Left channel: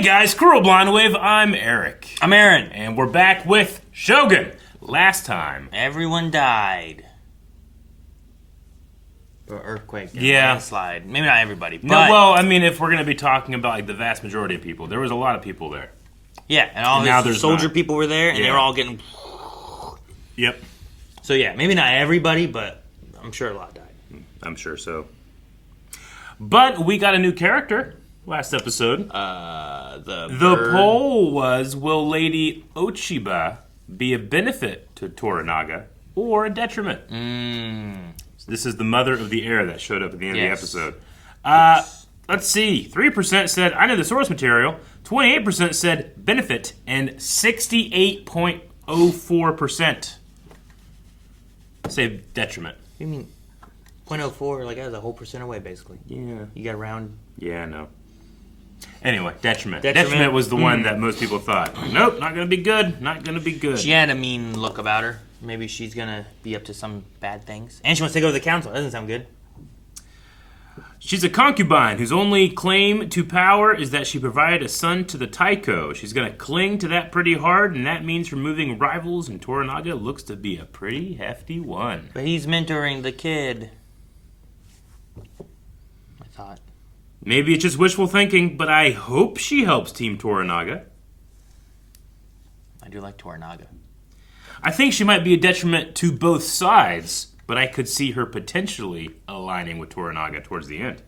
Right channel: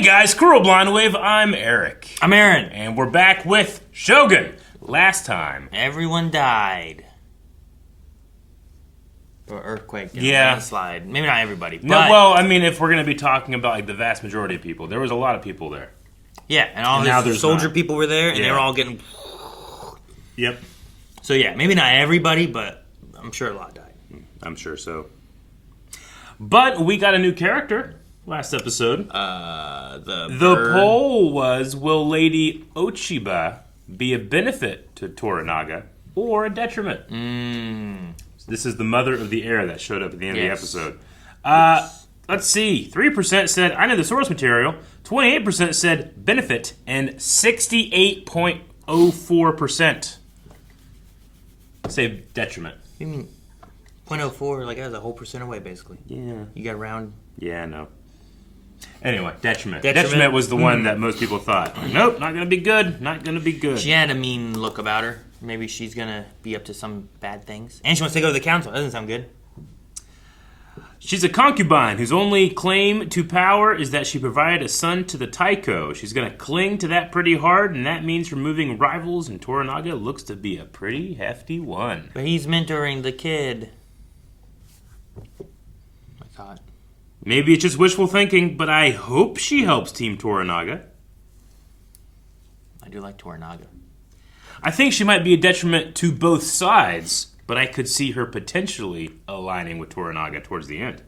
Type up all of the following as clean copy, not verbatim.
Hey guys, Cruel Blind Wave, I'm Eric. I'm Aaron. And we're back with Shogun. Last time, Everyone died. Or earthquake. Yeah. Landslide. Maybe not everybody. But no, well, I mean, if we're going to be talking about like the vast majority of people, there was a lot of people there. yeah, and all now the there's soldier not. people were there, and they Yeah. were all getting... Yep. So yeah, maybe not everybody, but I'm sure a lot died. I'm sure so. But we got a new character last episode. The bird. poll was, will Lady Ochiba be a benefit to Toranaga or a detriment? This is the mother of the heir that showed up at the end of the episode. Let's see. 3% said, I know the source material. 28% said benefit. And 68.04% say detriment. You mean 0.04, like that's a whole percent away, basically. Yeah. You got round... Yeah, I know. Anyway, detriment. Detriment? Detriment was the one that most people thought, nope, not going to be good. Not going to be good. She had a mean look about her. Maybe she's gonna be up to some bad things. And she wants to go to the council. That doesn't sound good. She's a concubine whose only claim to power is that she provided a son to the Taiko. She's going to cling to that pretty hard, and that means removing rivals, and Toranaga looks to be a pretty hefty one. But he's mentoring the kid. I thought. Maybe it's just wishful thinking, but I hope she helps Team Toranaga. I do like Toranaga. I think she might be a detriment to both sides, but I could see her potentially aligning with Toranaga towards the end.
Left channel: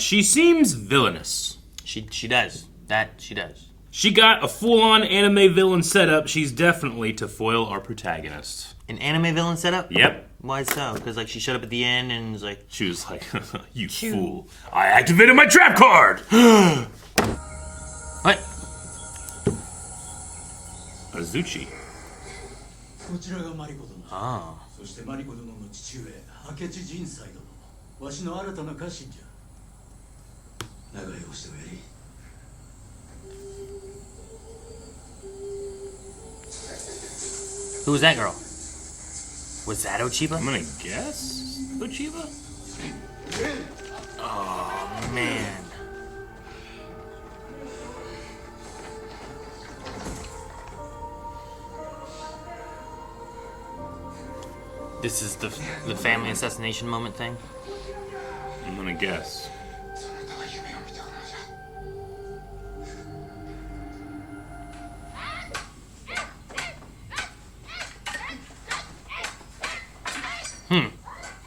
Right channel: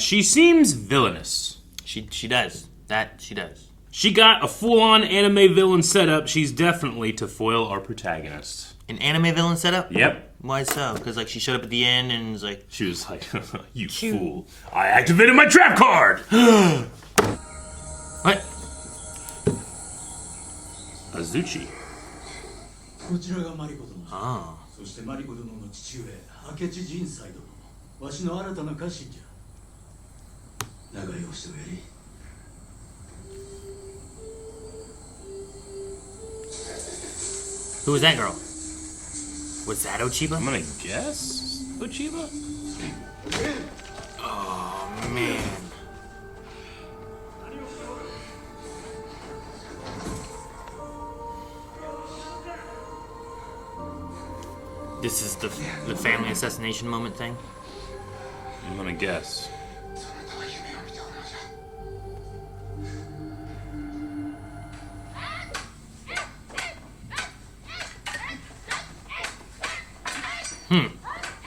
She seems villainous. She does. That she does. She got a full-on anime villain setup. She's definitely to foil our protagonist. An anime villain setup? Yep. Why so? Because like she showed up at the end and was like, She was like, you fool. I activated my trap card! what? Azuchi. こちらがマリコ殿。あそしてマリコ殿の父上、明智仁斎殿。わしの新たな家臣じゃ。長居をしておやり。Who was that girl? Was that Ochiba? I'm gonna guess Ochiba? Oh man. This is the family assassination moment thing. I'm gonna guess.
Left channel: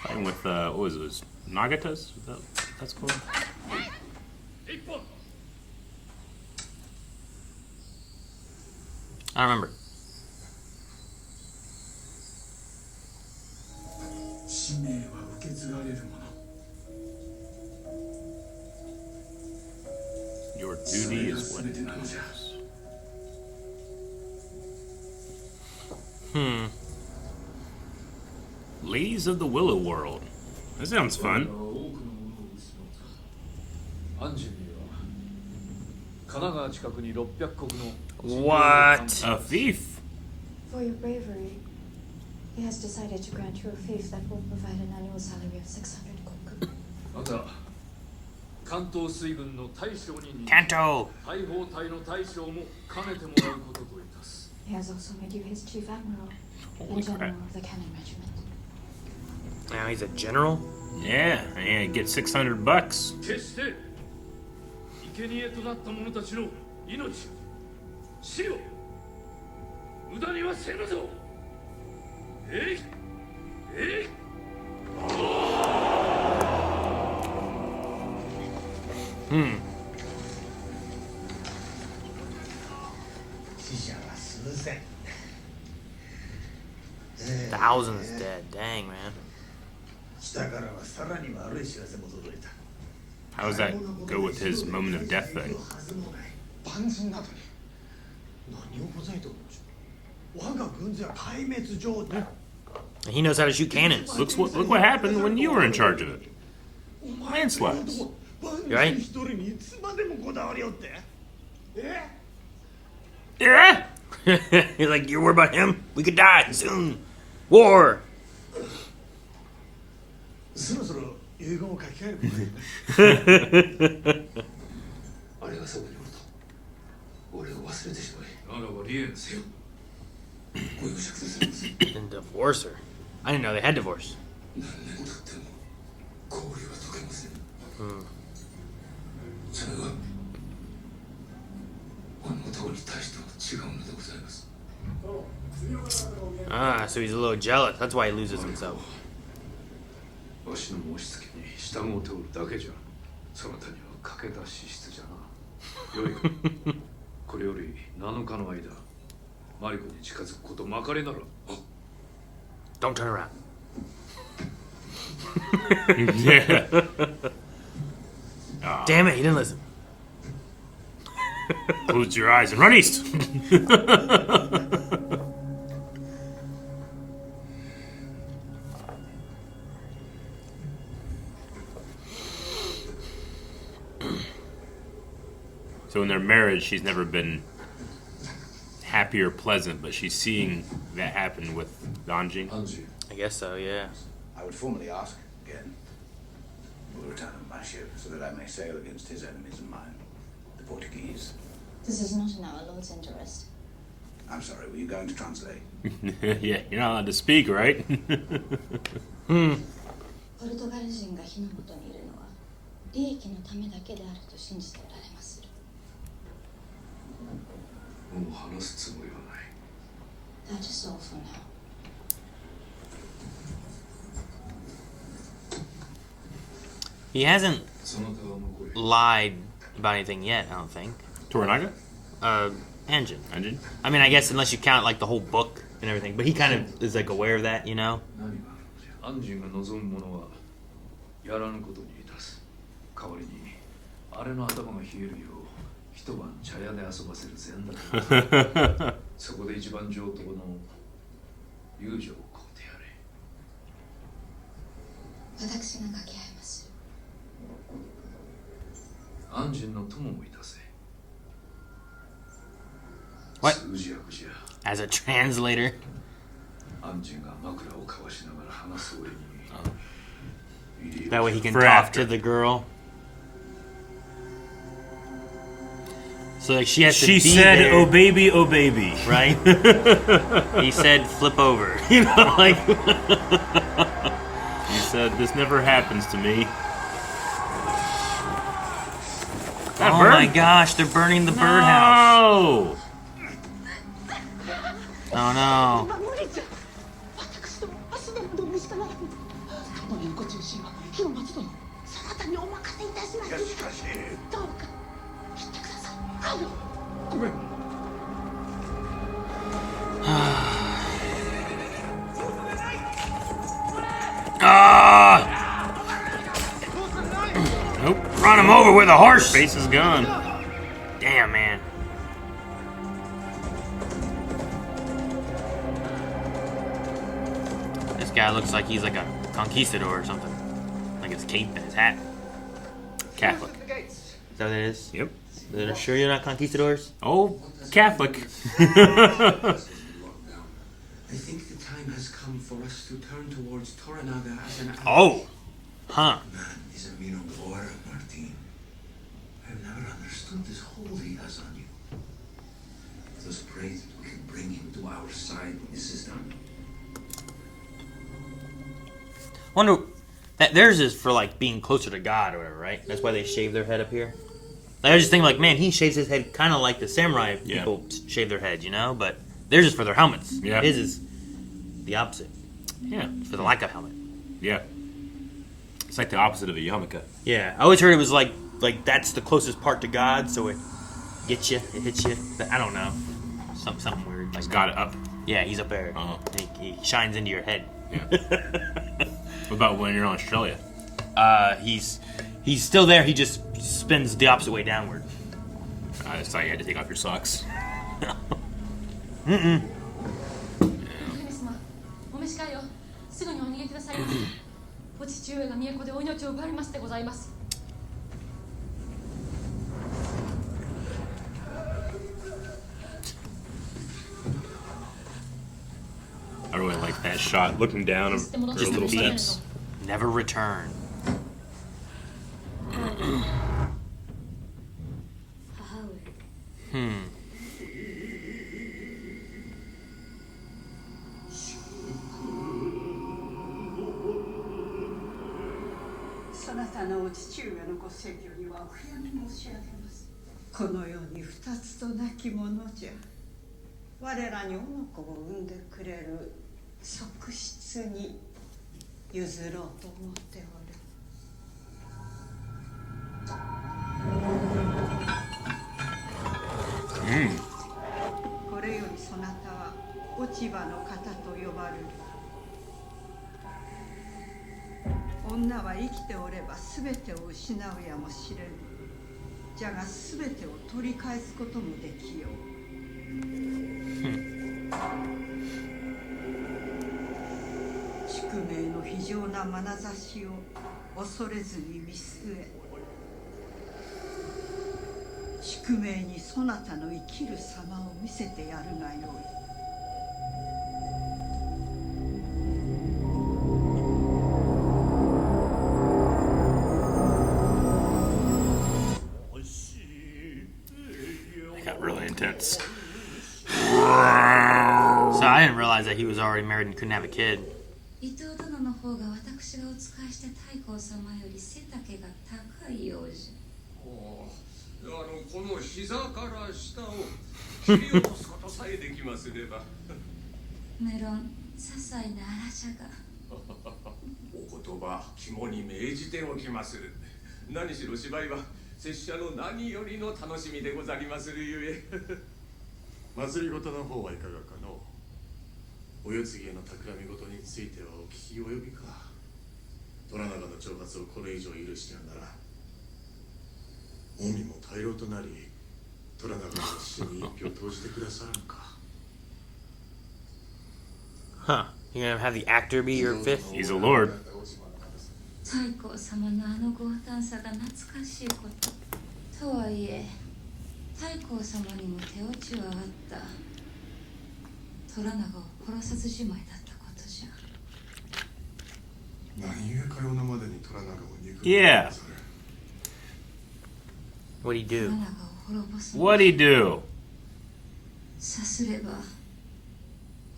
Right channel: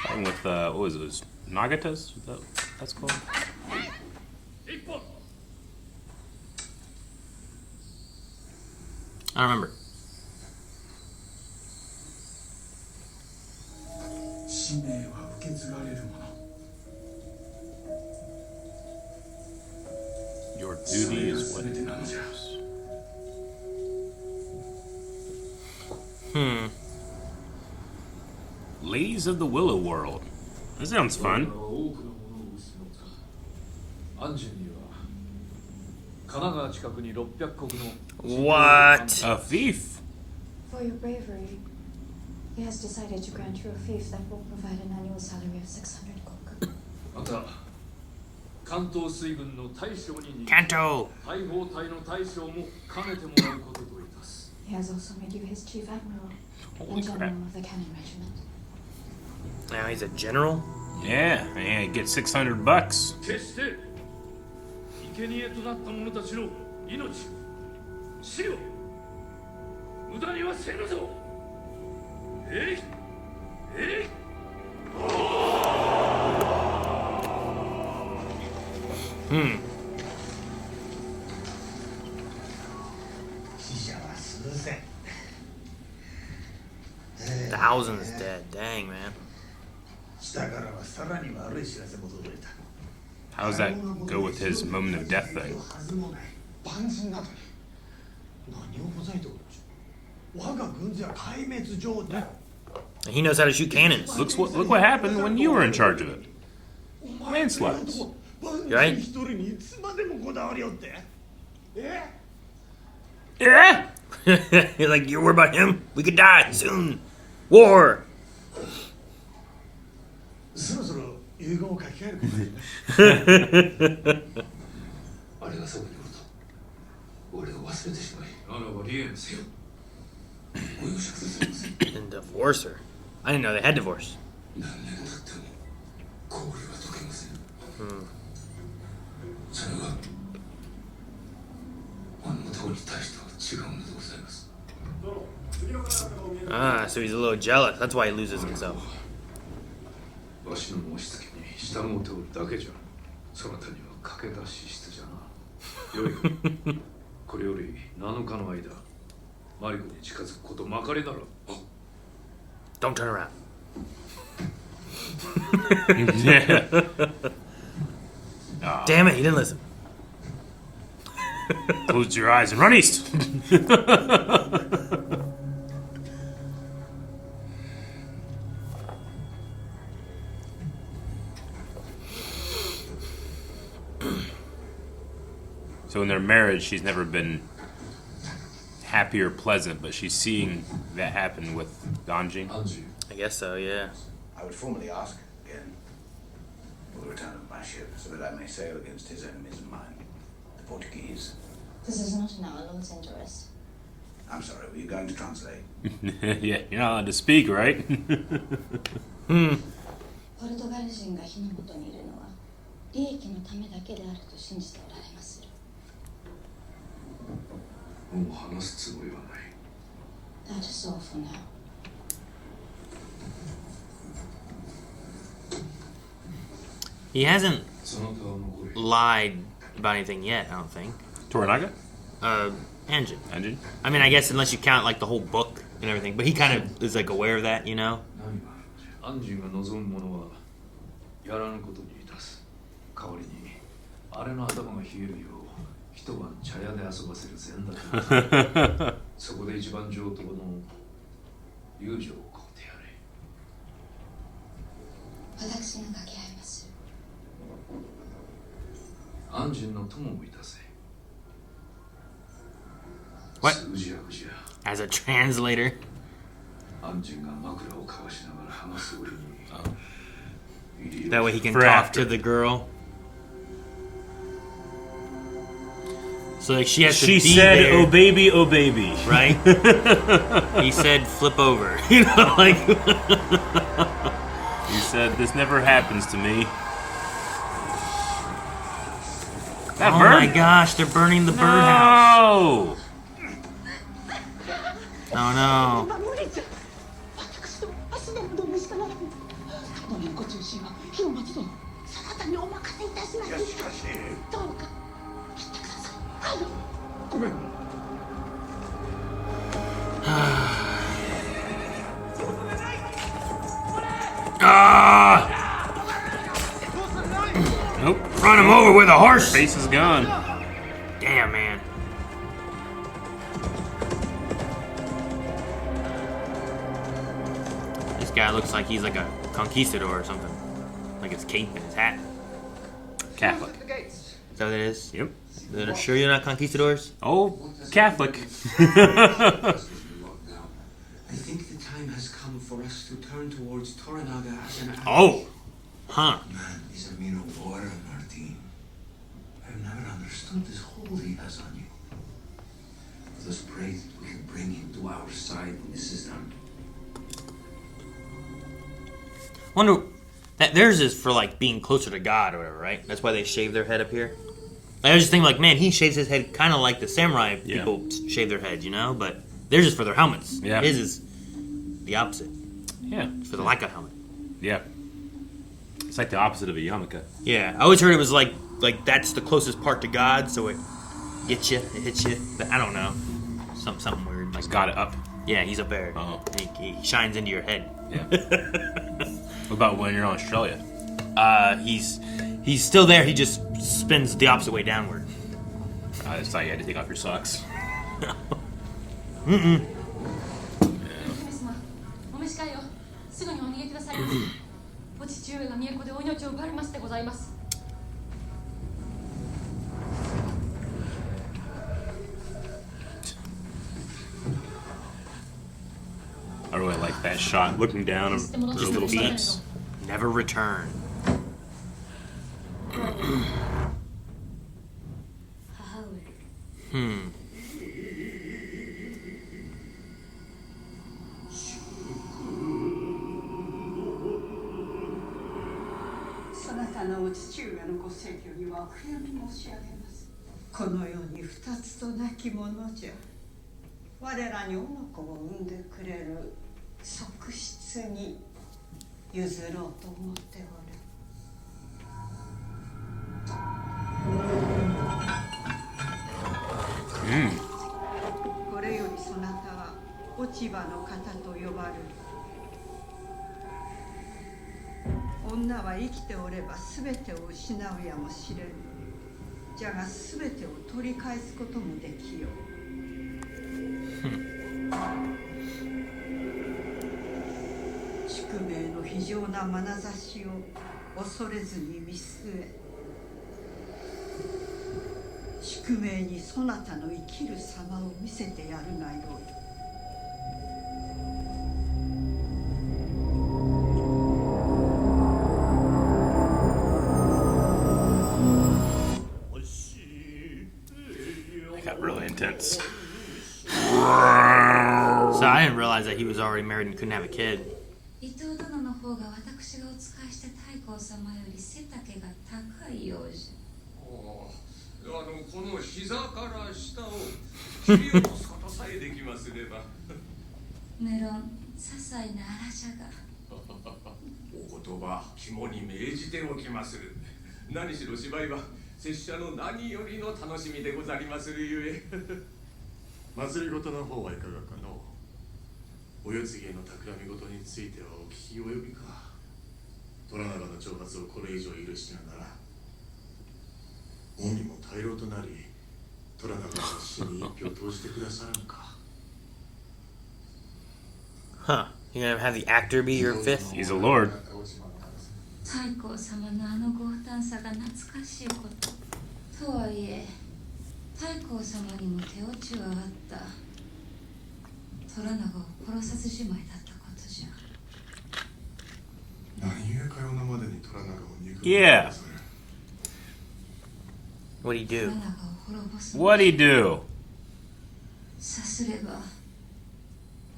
And with, what was those? Nagatas? That's cool. I remember. 使命は受け継がれるもの。 Your そ duty れが is what 全てなのじゃ。 Ladies of the Willow World. That sounds fun. 多くのものを失った。アンジュには神奈川近くに600石の What? A thief. For your bravery, he has decided to grant you a fief that will provide an annual salary of 600 koku. また関東水軍の大将に Kanto. 大砲隊の大将も兼ねてもらうことといたす。 He has also made you his chief admiral Holy and general crap. of the cannon regiment. Now he's a general? Yeah, and get $600. 決して生贄となった者たちの命を死を無駄にはせぬぞ。えいえい。 死者は数千。 Thousands dead. Dang, man. 下からはさらに悪い知らせも届いた。 How does that go with his moment of death thing? はずもない。万人などに何をほざいておるのじゃ。我が軍勢は壊滅状態。 He knows how to shoot cannons. Look what happened when you were in charge of it. お前という男、万人一人にいつまでもこだわりよって。え？ Yeah. You're like, you're worried about him? We could die soon. War. そろそろ遺言を書き換えることだよね。あれがそこにおると俺を忘れてしまいならば離縁せよご容赦くださいませ And divorce her. I didn't know they had divorce. 何年経っても氷は溶けません、それはあの男に対しては違うのでございます Ah, so he's a little jealous. That's why he loses himself. わしの申し付けに従うておるだけじゃそなたには駆け出し質じゃなよいかこれより7日の間マリコに近づくことまかりなら Don't turn around. Yeah. Damn it, he didn't listen. Close your eyes and run east. So in their marriage, she's never been happy or pleasant, but she's seeing that happen with Anjing. I guess so, yeah. I would formally ask again for the return of my ship, so that I may sail against his enemies and mine, the Portuguese. This is not in our Lord's interest. I'm sorry, were you going to translate? Yeah, you're not allowed to speak, right? ポルトガル人が火の元にいるのは利益のためだけであると信じておられまする。もう話すつもりはない That is all for now. He hasn't その他は残り lied about anything yet, I don't think. Toranaga? Anjin. Anjing? I mean, I guess unless you count like the whole book and everything, but he kind of is like aware of that, you know? アンジンが望むものはやらぬことにいたす代わりにあれの頭が冷えるよう一晩茶屋で遊ばせる前だけそこで一番上等の友情を買うてやれ私が掛け合いまする。アンジンの友もいたせ What? 数字役じゃ As a translator. アンジンが枕を交わしながら話す折に That way he can For talk after. to the girl. So like she has to She be said, there, "Oh baby, oh baby." right? He said flip over. You know, like He said, "This never happens to me." That oh bird? my gosh, they're burning the birdhouse. No! Oh no. 無理じゃ私と足でもどうしかならぬ殿のご中心は広松殿そなたにお任せいたしますいや、しかし。どうか切ってくださいごめん Nope. Run him over with a horse. Face is gone. Damn, man. This guy looks like he's like a conquistador or something. Like his cape and his hat. Catholic. Is that what it is? Yep. Are sure you're not conquistadors? Oh, Catholic. I think the time has come for us to turn towards Toranaga as an ally. Oh. Huh. Man is a Mino Gora, Martin. I have never understood this hold he has on you. Let us pray that we can bring him to our side when this is done. Wonder that theirs is for like being closer to God or whatever, right? That's why they shave their head up here. I was just thinking like, man, he shaves his head kind of like the samurai Yeah. people shave their head, you know? But theirs is for their helmets. Yeah. His is the opposite. Yeah. For the lack of helmet. Yeah. It's like the opposite of a yarmulke. Yeah, I always heard it was like that's the closest part to God, so it gets you, it hits you. But I don't know, something weird. He's got it up. Yeah, he's up there. Uh-huh. He shines into your head. Yeah. What about when you're in Australia? He's still there. He just spins the opposite way downward. I just thought you had to take off your socks. 姫様、お召し替えよ。すぐにお逃げくださいませ。お父上が都でお命を奪われましてございます。I really like that shot, looking down on those little steps. Never return. たのお父上のご逝去にはお悔やみ申し上げます。この世に二つとなきものじゃ。我らに男の子を産んでくれる側室に譲ろうと思っておる。これよりそなたは落ち葉の方と呼ばれる。女は生きておれば全てを失うやもしれぬ。じゃが全てを取り返すこともできよう。宿命の非常な眼差しを恐れずに見据え、宿命にそなたの生きる様を見せてやるがよい。Got really intense. So I didn't realize that he was already married and couldn't have a kid. 伊藤殿の方が私がお仕えした太后様より背丈が高いようじゃ。この膝から下を切り落とすことさえできますれば。無論些細な荒じゃが。お言葉肝に銘じておきまする。何しろ芝居は拙者の何よりの楽しみでござりまするゆえ。祭りごとの方はいかがかの。お世継ぎへの企みごとについてはお聞き及びか。虎長の挑発をこれ以上許してはならん。近江も大老となり、虎長の死に一票投じてくださらんか。Huh. You're gonna have the actor be your fifth? He's a lord. 太后様のあの豪胆さが懐かしいこと。とはいえ、太后様にも手落ちはあった。虎長を殺さずじまいだったことじゃ。何故かようなまでに虎長を憎む。Yeah. What'd he do? 虎長を滅ぼすの。What'd he do? さすれば、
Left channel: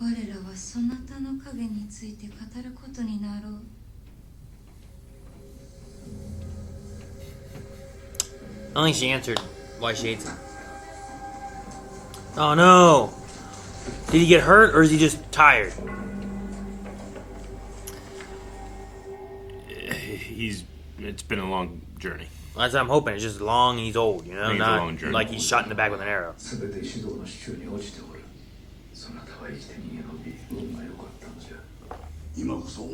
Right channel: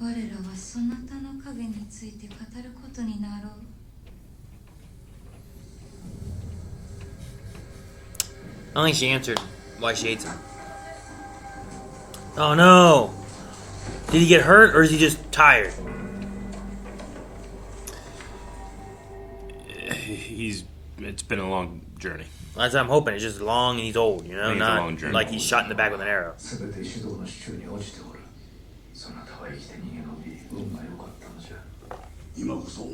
我らはそなたの影について語ることになろう。I don't think she answered why she hates him. Oh no! Did he get hurt or is he just tired? It's been a long journey. That's what I'm hoping. It's just long and he's old, you know? I think it's a Not long journey. like he's shot in the back with an arrow. すべて指導の手中に落ちておる。そなたは生きて逃げ延び、運が良かったのじゃ。今こそ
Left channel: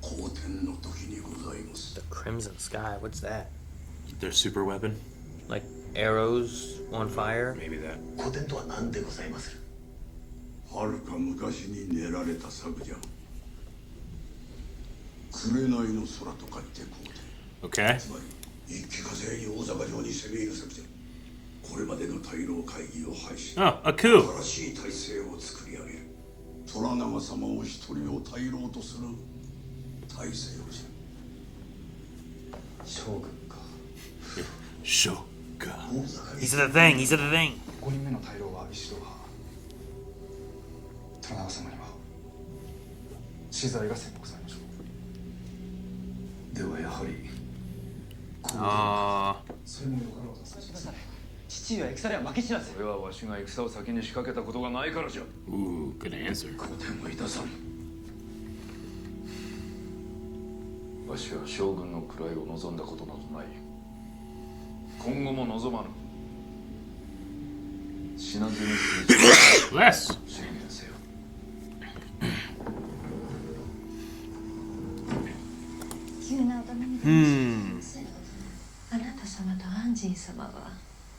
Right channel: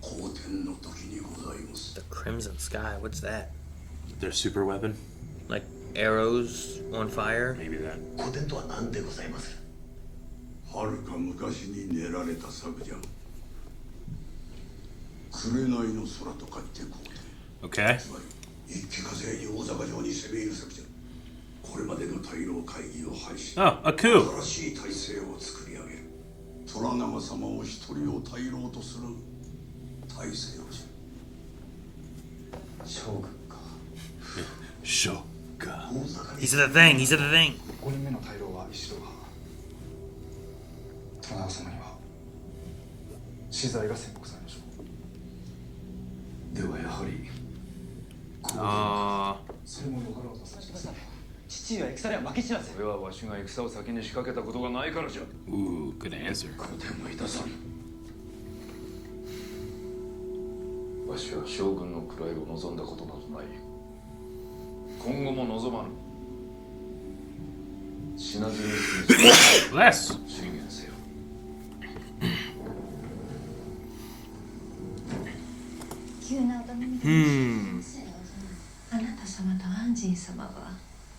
好天の時にございます。 The Crimson Sky, what's that? Their super weapon? Like arrows on fire? Maybe that. 好天とは何でございまする。はるか昔に練られた策じゃ。紅の空と書いて好天。Okay. つまり一気風に大坂城に攻め入る策じゃ。これまでの大老会議を廃し、 Oh, a coup. 新しい体制を作り上げる。虎長様を一人を大老とする体制をじゃ。将軍か。Shogun. He said the thing, he said the thing. 5人目の大老は石堂派。虎長様には死罪が宣告されましょう。ではやはり。それもよかろうとさせてください。父上は戦では負け知らず。それはわしが戦を先に仕掛けたことがないからじゃ。Ooh, good answer. 好天はいたさん。わしは将軍の位を望んだことなどない。今後も望まぬ。死なずに済む。Less. 宣言せよ。急なお頼みで申し訳ありません。あなた様と安仁様は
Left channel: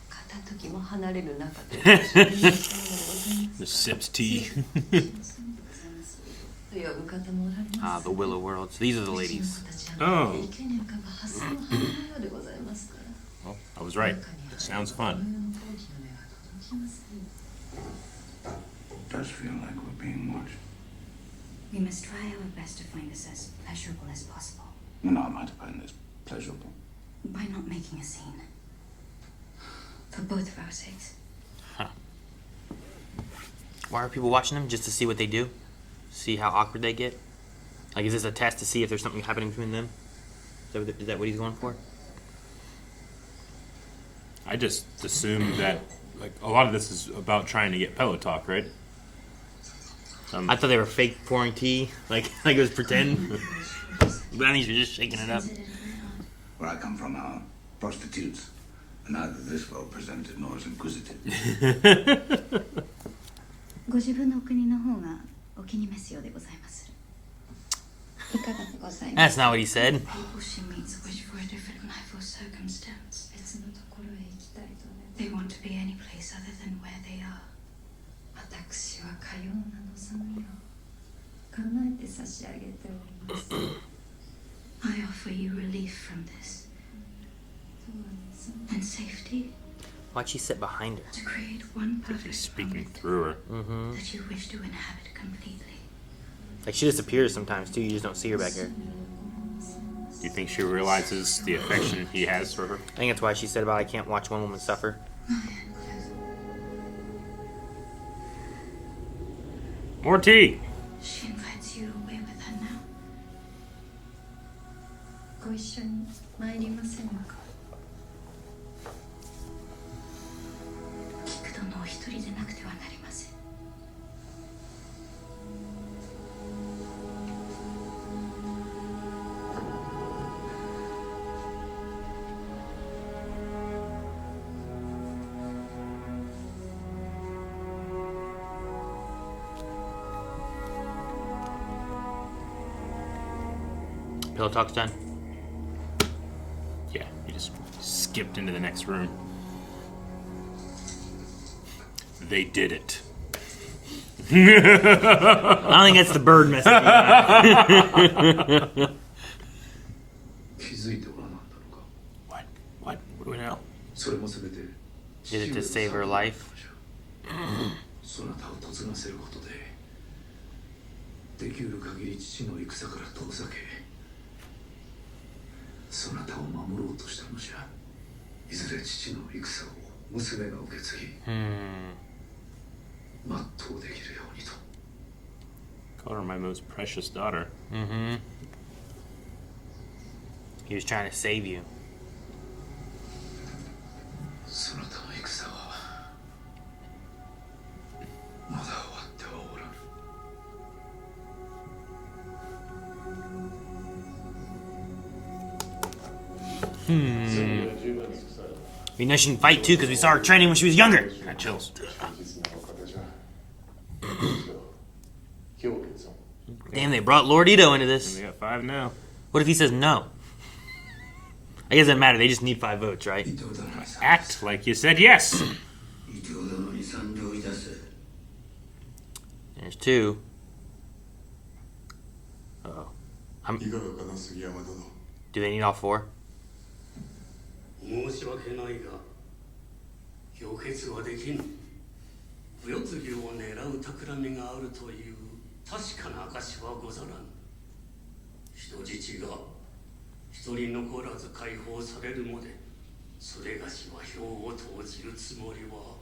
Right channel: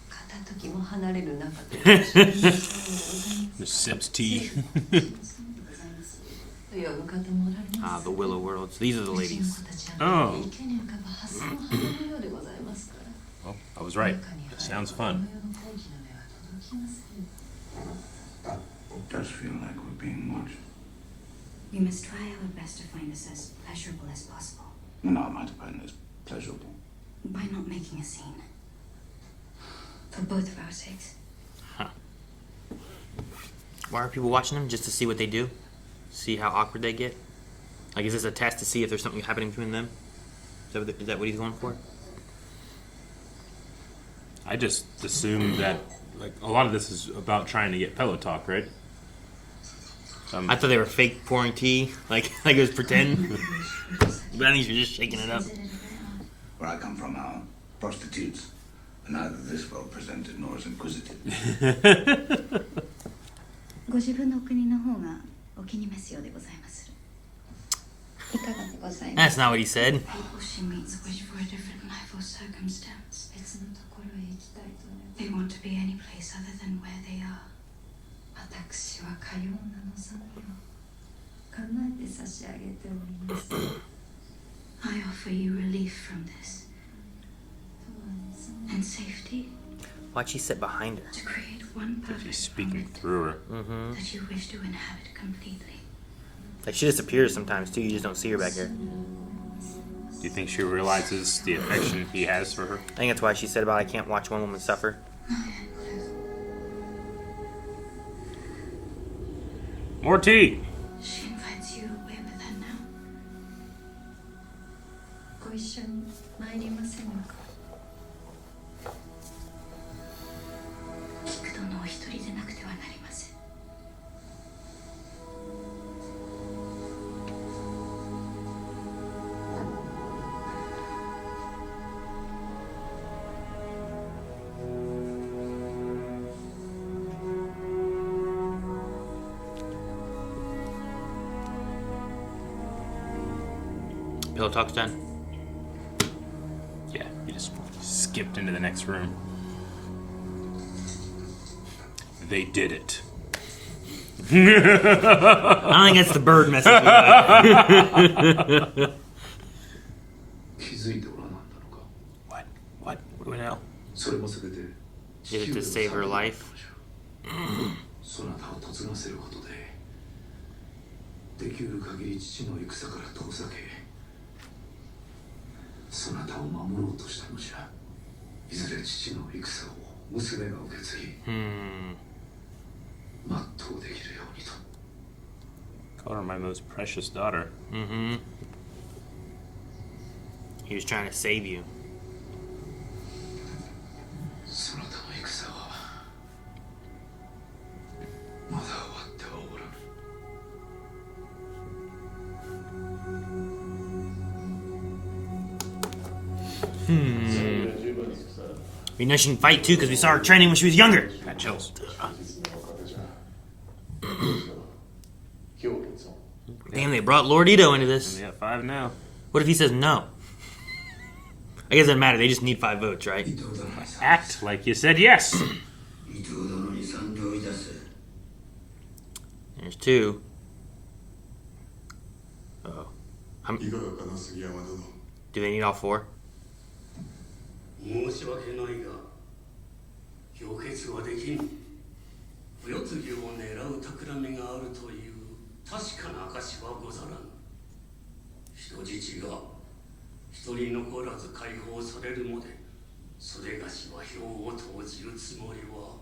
片時も離れる中で The sips tea. と呼ぶ方もおられます。 The Willow World. So these are the うちの ladies. 子たちは池に浮かぶハスの花のようでございますから。 Well, I was right. That sounds fun. It does feel like we're being watched. We must try our best to find this as pleasurable as possible. No, I might find this pleasurable. By not making a scene. For both of our sakes. Why are people watching them? Just to see what they do? See how awkward they get? Like, is this a test to see if there's something happening between them? Is that what he's going for? I just assumed that like a lot of this is about trying to get pillow talk, right? I thought they were fake pouring tea, like it was pretend. Bunnies are just shaking it up. Where I come from are prostitutes, and neither this well presented nor as inquisitive. ご自分の国の方がお気に召すようでございまする。いかがでございま That's す not what he said. People she meets wish for a different life or circumstance. 別のところへ行きたいとね。They want to be any place other than where they are. 私はかような望みを叶えて差し上げております。I offer you relief from this and safety. Why'd she sit behind her? To create one perfect He's speaking moment through her. that you wish to inhabit completely. Like she disappears sometimes too. You just don't see her back here. Do you think she realizes the affection he has for her? I think that's why she said about I can't watch one woman suffer. More tea. She invites you away with her now. ご一緒に参りませぬか。菊殿お一人でなくてはなりません。Pillow talk's done. Yeah, you just skipped into the next room. They did it. I don't think that's the bird message. 気づいておらなんだのか。 What do we know? それもすべて Did it to save her life? そなたを嫁がせることでできうる限り父の戦から遠ざけそなたを守ろうとしたのじゃ。いずれ父の戦を娘が受け継ぎ全うできるようにと。 Called her my most precious daughter. He was trying to save you. そなたの戦はまだ終わってはおらぬ。 We know she can fight too because we saw her training when she was younger. Got chills. Damn, they brought Lord Ito into this. We got 5 now. What if he says no? I guess it doesn't matter. They just need 5 votes, right? Act like you said yes. There's 2. Oh. いかがかな杉山殿。 Do they need all 4? 申し訳ないが氷結はできん。お世継ぎを狙う企みがあるという確かな証はござらぬ。人質が一人残らず解放されるまでそれがしは票を投じるつもりは。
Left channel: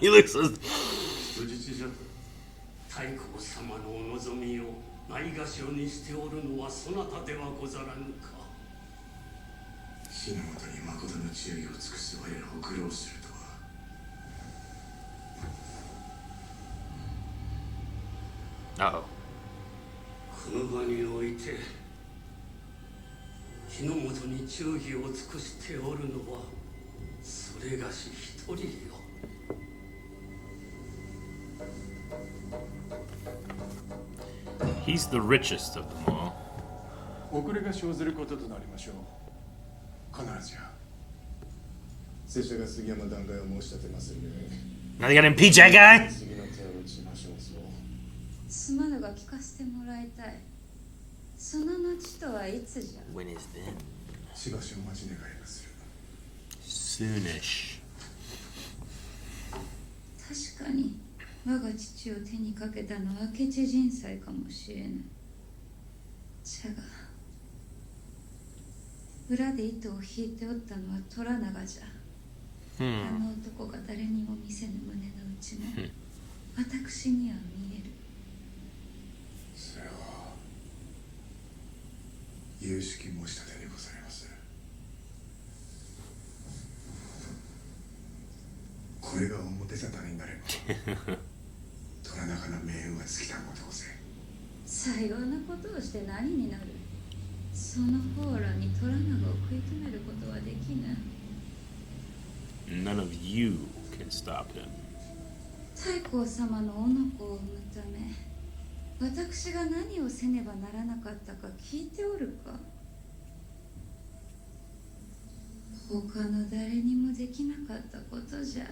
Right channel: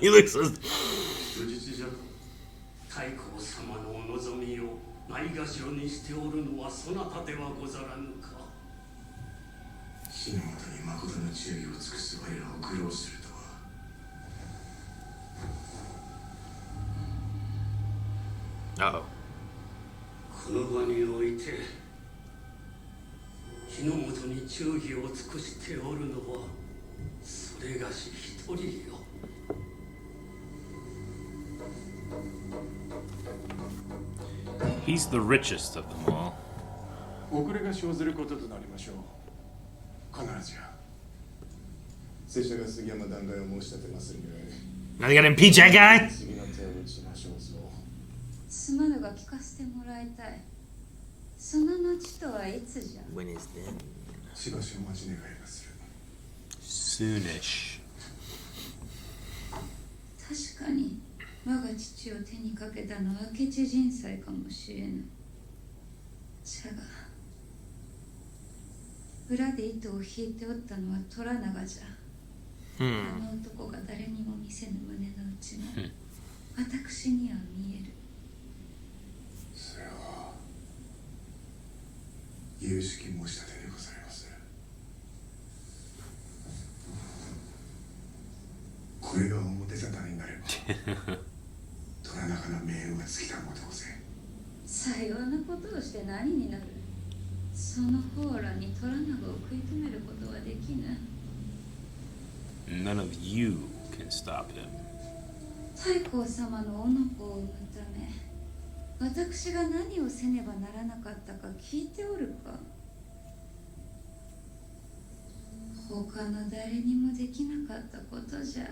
He looks so... 人質じゃ。太閤様のお望みをないがしろにしておるのはそなたではござらぬか。死のもとに誠の忠義を尽くす我らを愚弄するとは。Uh-oh. この場において日の本に忠義を尽くしておるのはそれがし一人よ。He's the richest of them all. 遅れが生ずることとなりましょう。必ずや。拙者が杉山弾劾を申し立てまするゆえ。 Now they gotta impeach that guy? 次の手を打ちましょうぞ。すまぬが聞かせてもらいたい。その後とはいつじゃ。 When is that? しばしお待ち願いまする。 Soonish. 確かに我が父を手にかけたのは明智人才かもしれぬ。じゃが裏で糸を引いておったのは虎長じゃ。あの男が誰にも見せぬ胸の内も私には見える。それは有識申し立てでございます。これが表沙汰になれば虎中の命運が尽きたも同然。さようなことをして何になる。その方らに虎長を食い止めることはできぬ。 None of you can stop him. 太閤様のおの子を産むため私が何をせねばならなかったか聞いておるか。他の誰にもできなかったことじゃ。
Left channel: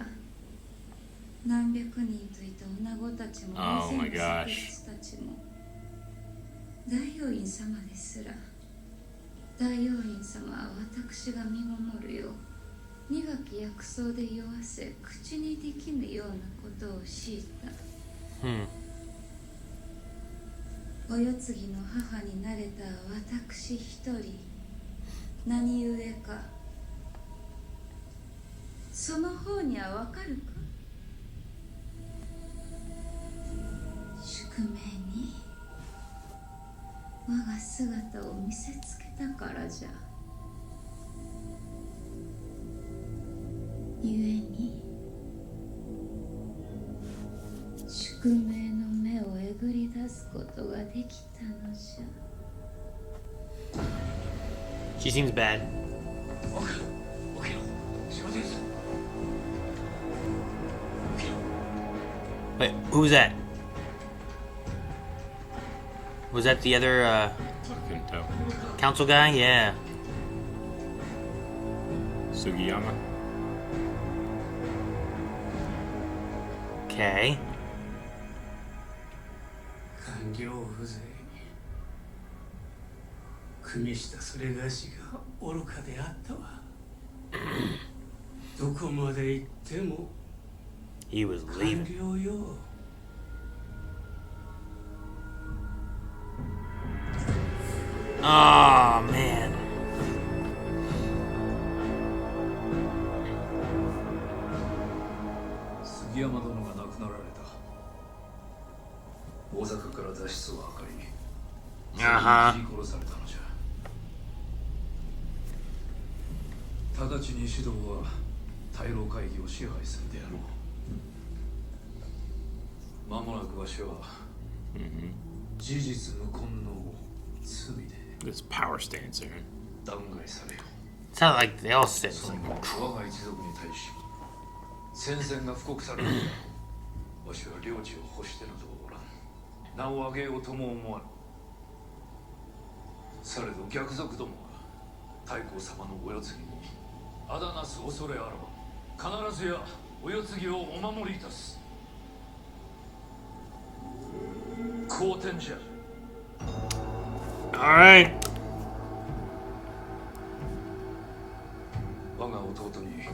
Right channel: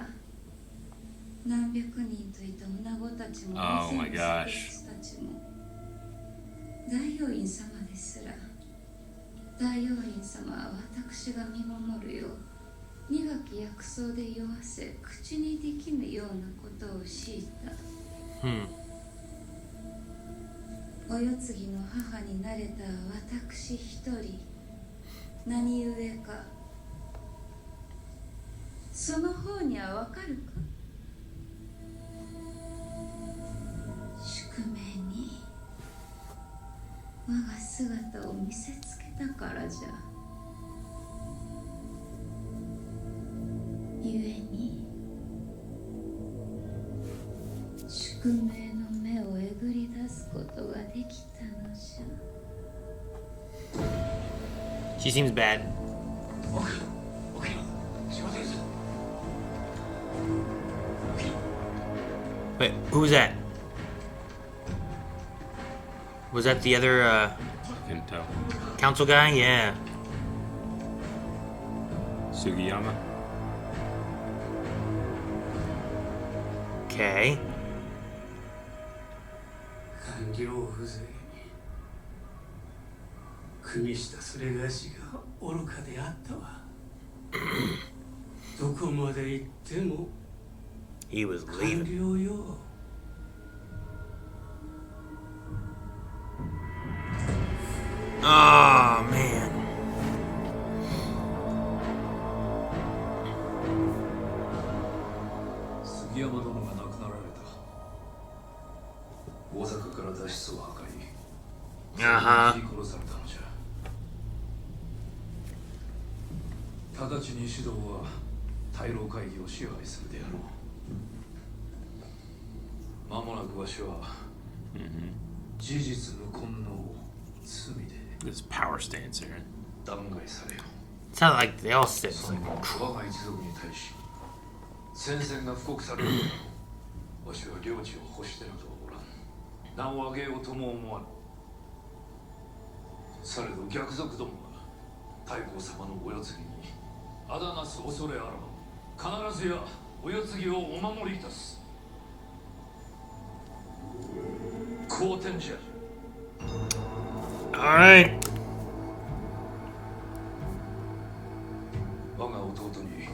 何百人といた女子たちも大勢のセクスたちも大王院様ですら大王院様は私が身ごもるよう苦き薬草で酔わせ口にできぬようなことを強いた。お世継ぎの母になれた私一人何故かその方にはわかるか。宿命に我が姿を見せつけたからじゃ。故に宿命の目をえぐり出すことができたのじゃ。 She seems bad. Wait, who was that? Was that the other Couldn't tell. council guy? Yeah. Sugiyama. Okay. 官僚風情に国下それがしが愚かであったわ。どこまで行っても He was 官 leaving. 僚よ。Oh man. 杉山殿が亡くなられた。大阪から脱出を図り、それで切り殺されたのじゃ。直ちに指導は大老会議を支配するであろう。間もなくわしは事実無根の罪で This power stance here. 弾劾されよ。 Sounds like they all said その something. 後我が一族に対し戦線が布告されるであろう。わしは領地を欲してなどおらん。名を挙げようとも思わぬ。されど逆賊どもが太閤様のお世継ぎにあだなす恐れあらば必ずやお世継ぎをお守りいたす。好天じゃ。 Alright. 我が弟に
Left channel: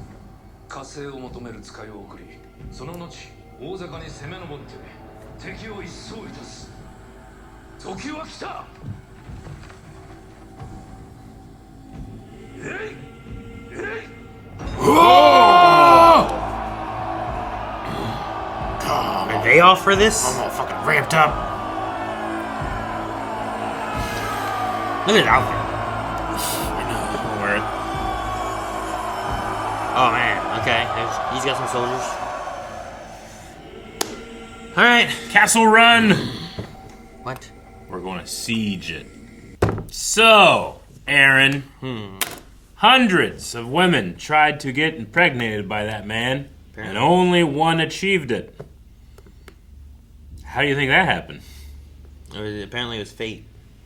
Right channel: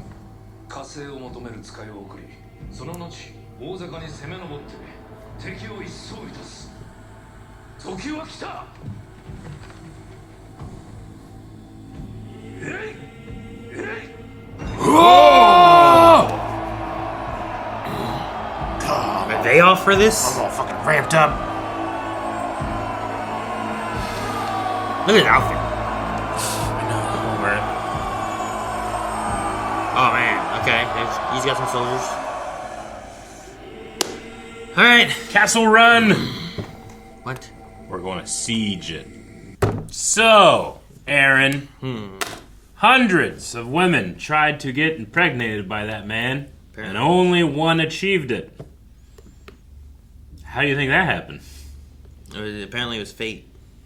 火星を求める使いを送り、その後大坂に攻め上って敵を一掃いたす。時は来た。えいえい。 Are they all for this? I'm all fucking ramped up. Look at the outfit. I know. Wear it. Oh man. Okay. He's got some soldiers. All right. Castle Run! What? We're going to siege it. So, Aaron, hundreds of women tried to get impregnated by that man, and only one achieved it. How do you think that happened? Apparently it was fate.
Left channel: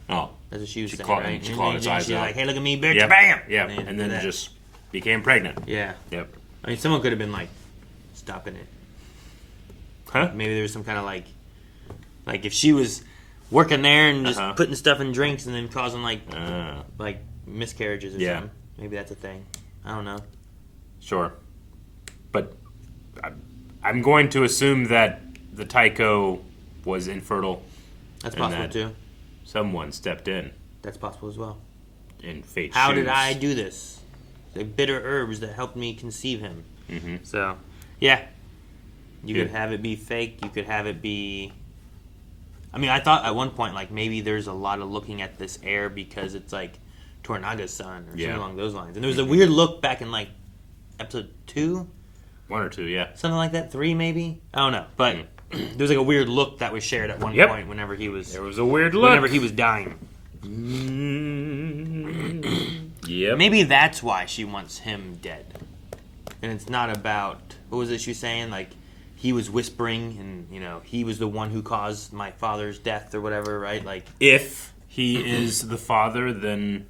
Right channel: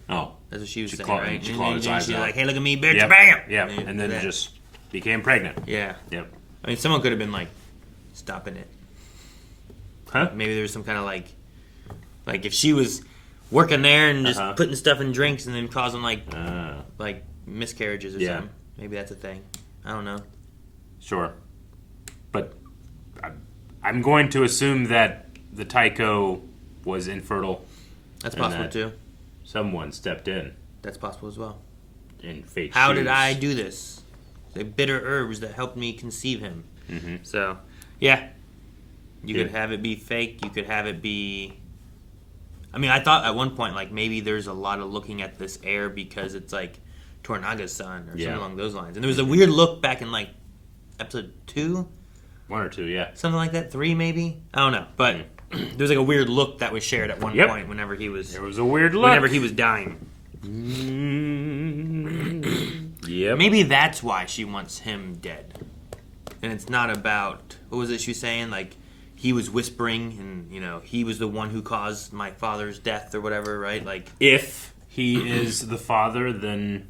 Oh. That's what she was saying, clawed- right? she clawed his eyes She's out. like, hey, look at me, bitch, Yep. bam! Yep. And then that. just became pregnant. Yeah. Yep. I mean, someone could have been like, stopping it. Huh? Maybe there was some kind of like if she was working there and just Uh-huh. putting stuff in drinks and then causing like miscarriages or Yeah. something. Maybe that's a thing. I don't know. Sure. But I'm going to assume that the Tycho was infertile. That's and possible that too. Someone stepped in That's possible as well. in fate's How shoes. did I do this? The bitter herbs that helped me conceive him. Mm-hmm. So, yeah. You Good. could have it be fake. You could have it be I mean, I thought at one point, like, maybe there's a lot of looking at this heir because it's, like, Toranaga's son or something along those lines. And there was a weird look back in, like, episode 2? 1 or 2, yeah. Something like that. 3, maybe? I don't know. But there's, like, a weird look that was shared at one point whenever he was... There was a weird look. Whenever he was dying. Yep. Maybe that's why she wants him dead. And it's not about... What was it she was saying? Like... He was whispering, and, you know, he was the one who caused my father's death or whatever, right? Like, if he is the father, then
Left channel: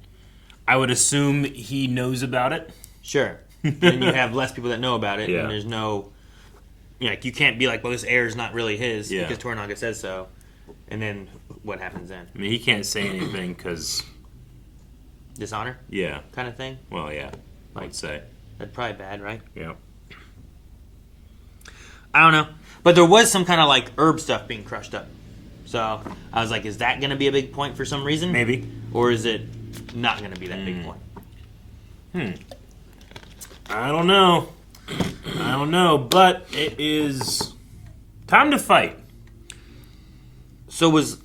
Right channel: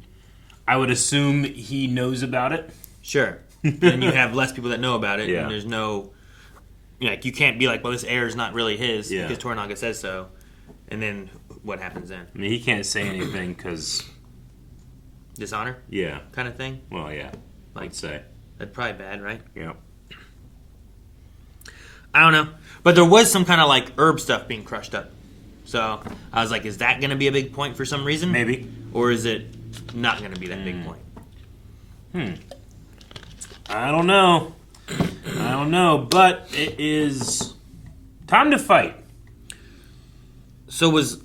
I would assume he knows about it. Sure. Then you have less people that know about it, Yeah. and there's no... You know, like, you can't be like, well, this heir is not really his, because Toranaga says so. And then what happens then? I mean, he can't say anything because... Dishonor? Yeah. Kind of thing? Well, yeah, I'd say. That's probably bad, right? Yeah. I don't know. But there was some kind of, like, herb stuff being crushed up. So I was like, is that going to be a big point for some reason? Maybe. Or is it not going to be that big point? I don't know. But it is time to fight. So was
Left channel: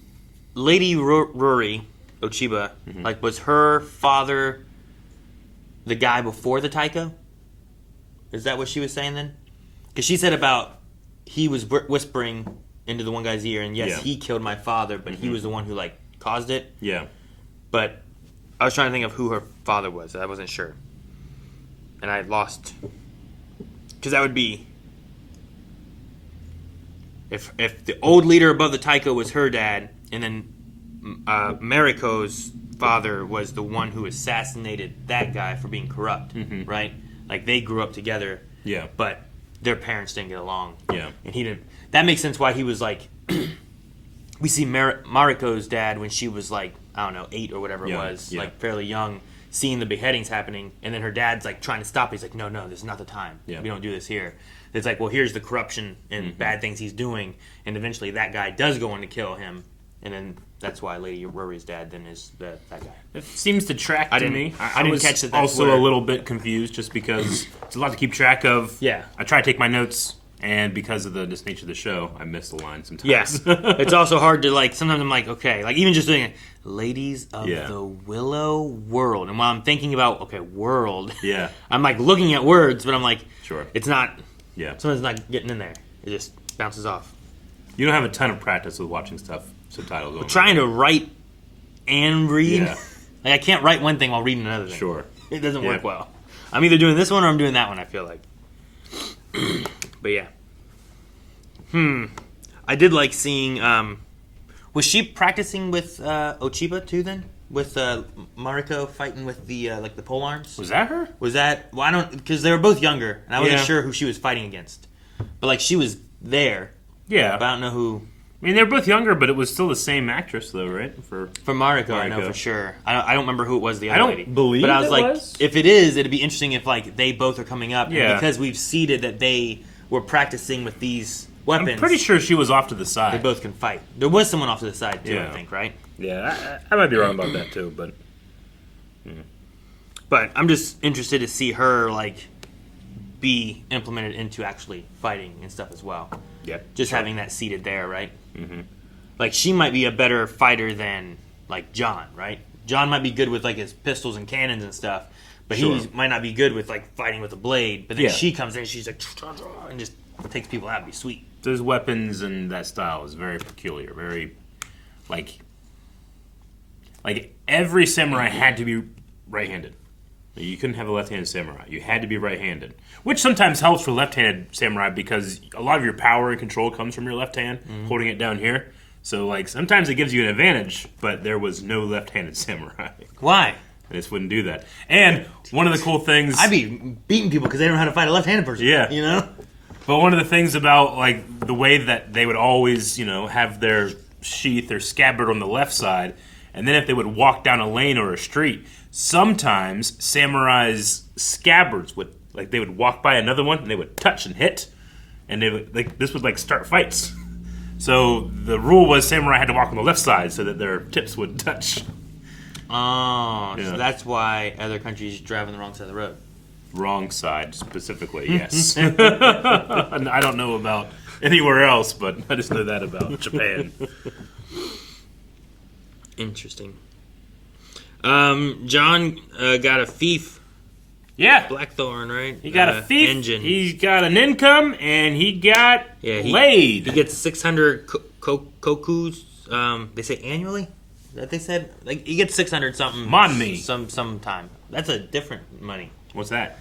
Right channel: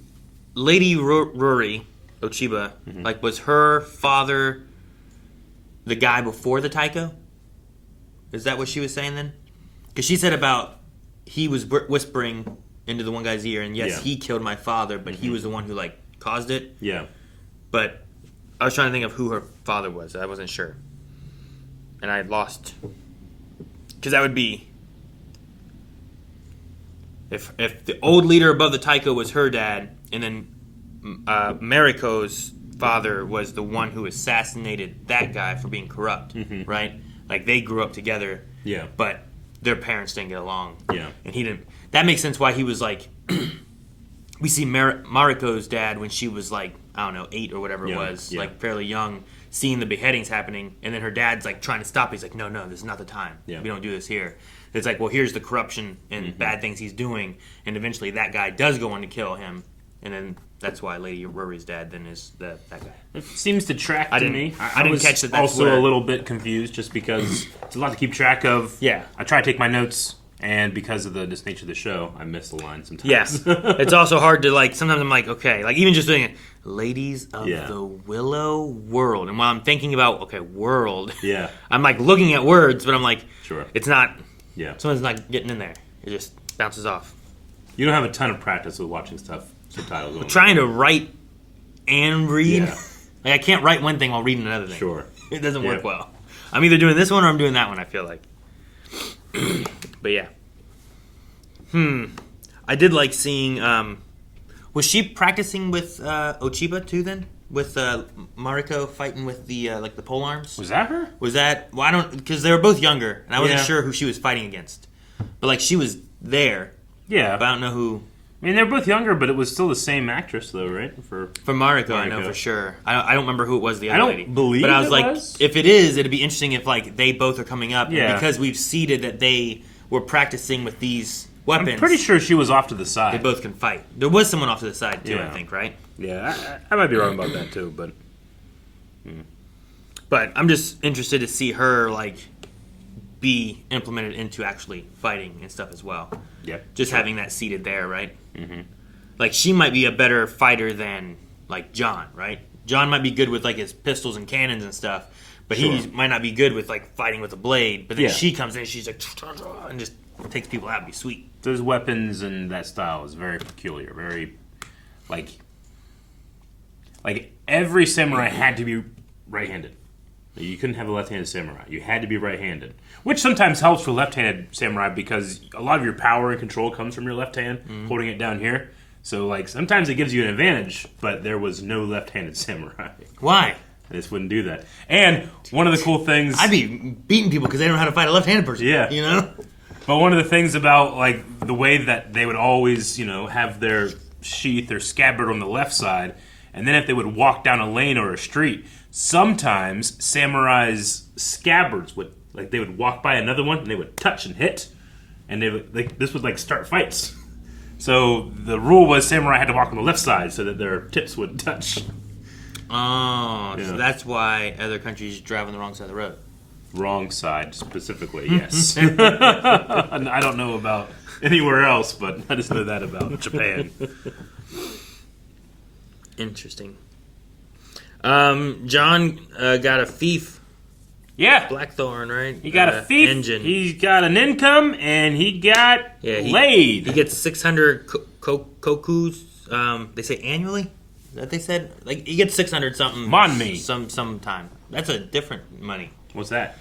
Lady Rory Ochiba, like, was her father the guy before the Taiko? Is that what she was saying then? Because she said about he was whispering into the one guy's ear, and yes, he killed my father, but he was the one who, like, caused it. Yeah. But I was trying to think of who her father was. I wasn't sure. And I had lost. Because that would be... If the old leader above the Taiko was her dad, and then Mariko's father was the one who assassinated that guy for being corrupt, right? Like, they grew up together. Yeah. But their parents didn't get along. Yeah. And he didn't... That makes sense why he was like... we see Mariko's dad when she was like, I don't know, 8 or whatever it was, like fairly young, seeing the beheadings happening, and then her dad's like trying to stop it. He's like, no, this is not the time. We don't do this here. It's like, well, here's the corruption and bad things he's doing, and eventually that guy does go on to kill him, and then that's why Lady Rory's dad then is that guy. It seems to track to me. I didn't catch that. That's also a little bit confused just because it's a lot to keep track of. Yeah. I try to take my notes, and because of the nature of the show, I miss the line sometimes. Yes. It's also hard to, like, sometimes I'm like, okay, like, even just doing it, Ladies of the Willow World. And while I'm thinking about, okay, world, I'm, like, looking at words, but I'm like, it's not, sometimes it's not getting in there. It just bounces off. You don't have a ton of practice with watching subtitles. I'm trying to write and read. Like, I can't write one thing while reading another thing. Sure. It doesn't work well. I'm either doing this one or I'm doing that one, I feel like. But yeah. I did like seeing... was she practicing with Ochiba too then? With Mariko fighting with the like the pole arms? Was that her? Was that... Well, I don't... Because they were both younger, and I wasn't sure who she was fighting against. But, like, she was there. Yeah. But I don't know who... I mean, they were both younger, but it was still the same actress, though, right? For Mariko, I know for sure. I don't remember who it was, the other lady. I don't believe But I was it like, was. if it is, it'd be interesting if, like, they both are coming up. Yeah. And because we've seeded that they were practicing with these weapons. I'm pretty sure she was off to the side. They both can fight. There was someone off to the side, too, I think, right? Yeah, I might be wrong about that, too, but... But I'm just interested to see her, like, be implemented into actually fighting and stuff as well. Yep. Just having that seated there, right? Mm-hmm. Like, she might be a better fighter than, like, John, right? John might be good with, like, his pistols and cannons and stuff, but he might not be good with, like, fighting with a blade. But then she comes in, she's like, and just takes people out. It'd be sweet. Those weapons and that style is very peculiar. Very, like every samurai had to be right-handed. You couldn't have a left-handed samurai. You had to be right-handed. Which sometimes helps for left-handed samurai because a lot of your power and control comes from your left hand, holding it down here. So, like, sometimes it gives you an advantage, but there was no left-handed samurai. Why? I just wouldn't do that. And one of the cool things... I'd be beating people because they don't know how to fight a left-handed person. Yeah. You know? But one of the things about, like, the way that they would always, you know, have their sheath or scabbard on the left side, and then if they would walk down a lane or a street, sometimes samurais' scabbards would, like, they would walk by another one, and they would touch and hit, and they would, like, this would, like, start fights. So the rule was samurai had to walk on the left side so that their tips wouldn't touch. Oh, so that's why other countries drive on the wrong side of the road. Wrong side, specifically, yes. I don't know about anywhere else, but I just know that about Japan. Interesting. John got a thief. Yeah. Blackthorn, right? He got a thief, engine. He's got an income, and he got laid. He gets 600 kokus. They say annually? Is that what they said? Like, he gets 600 something. Monmi. Some time. That's a different money. What's that?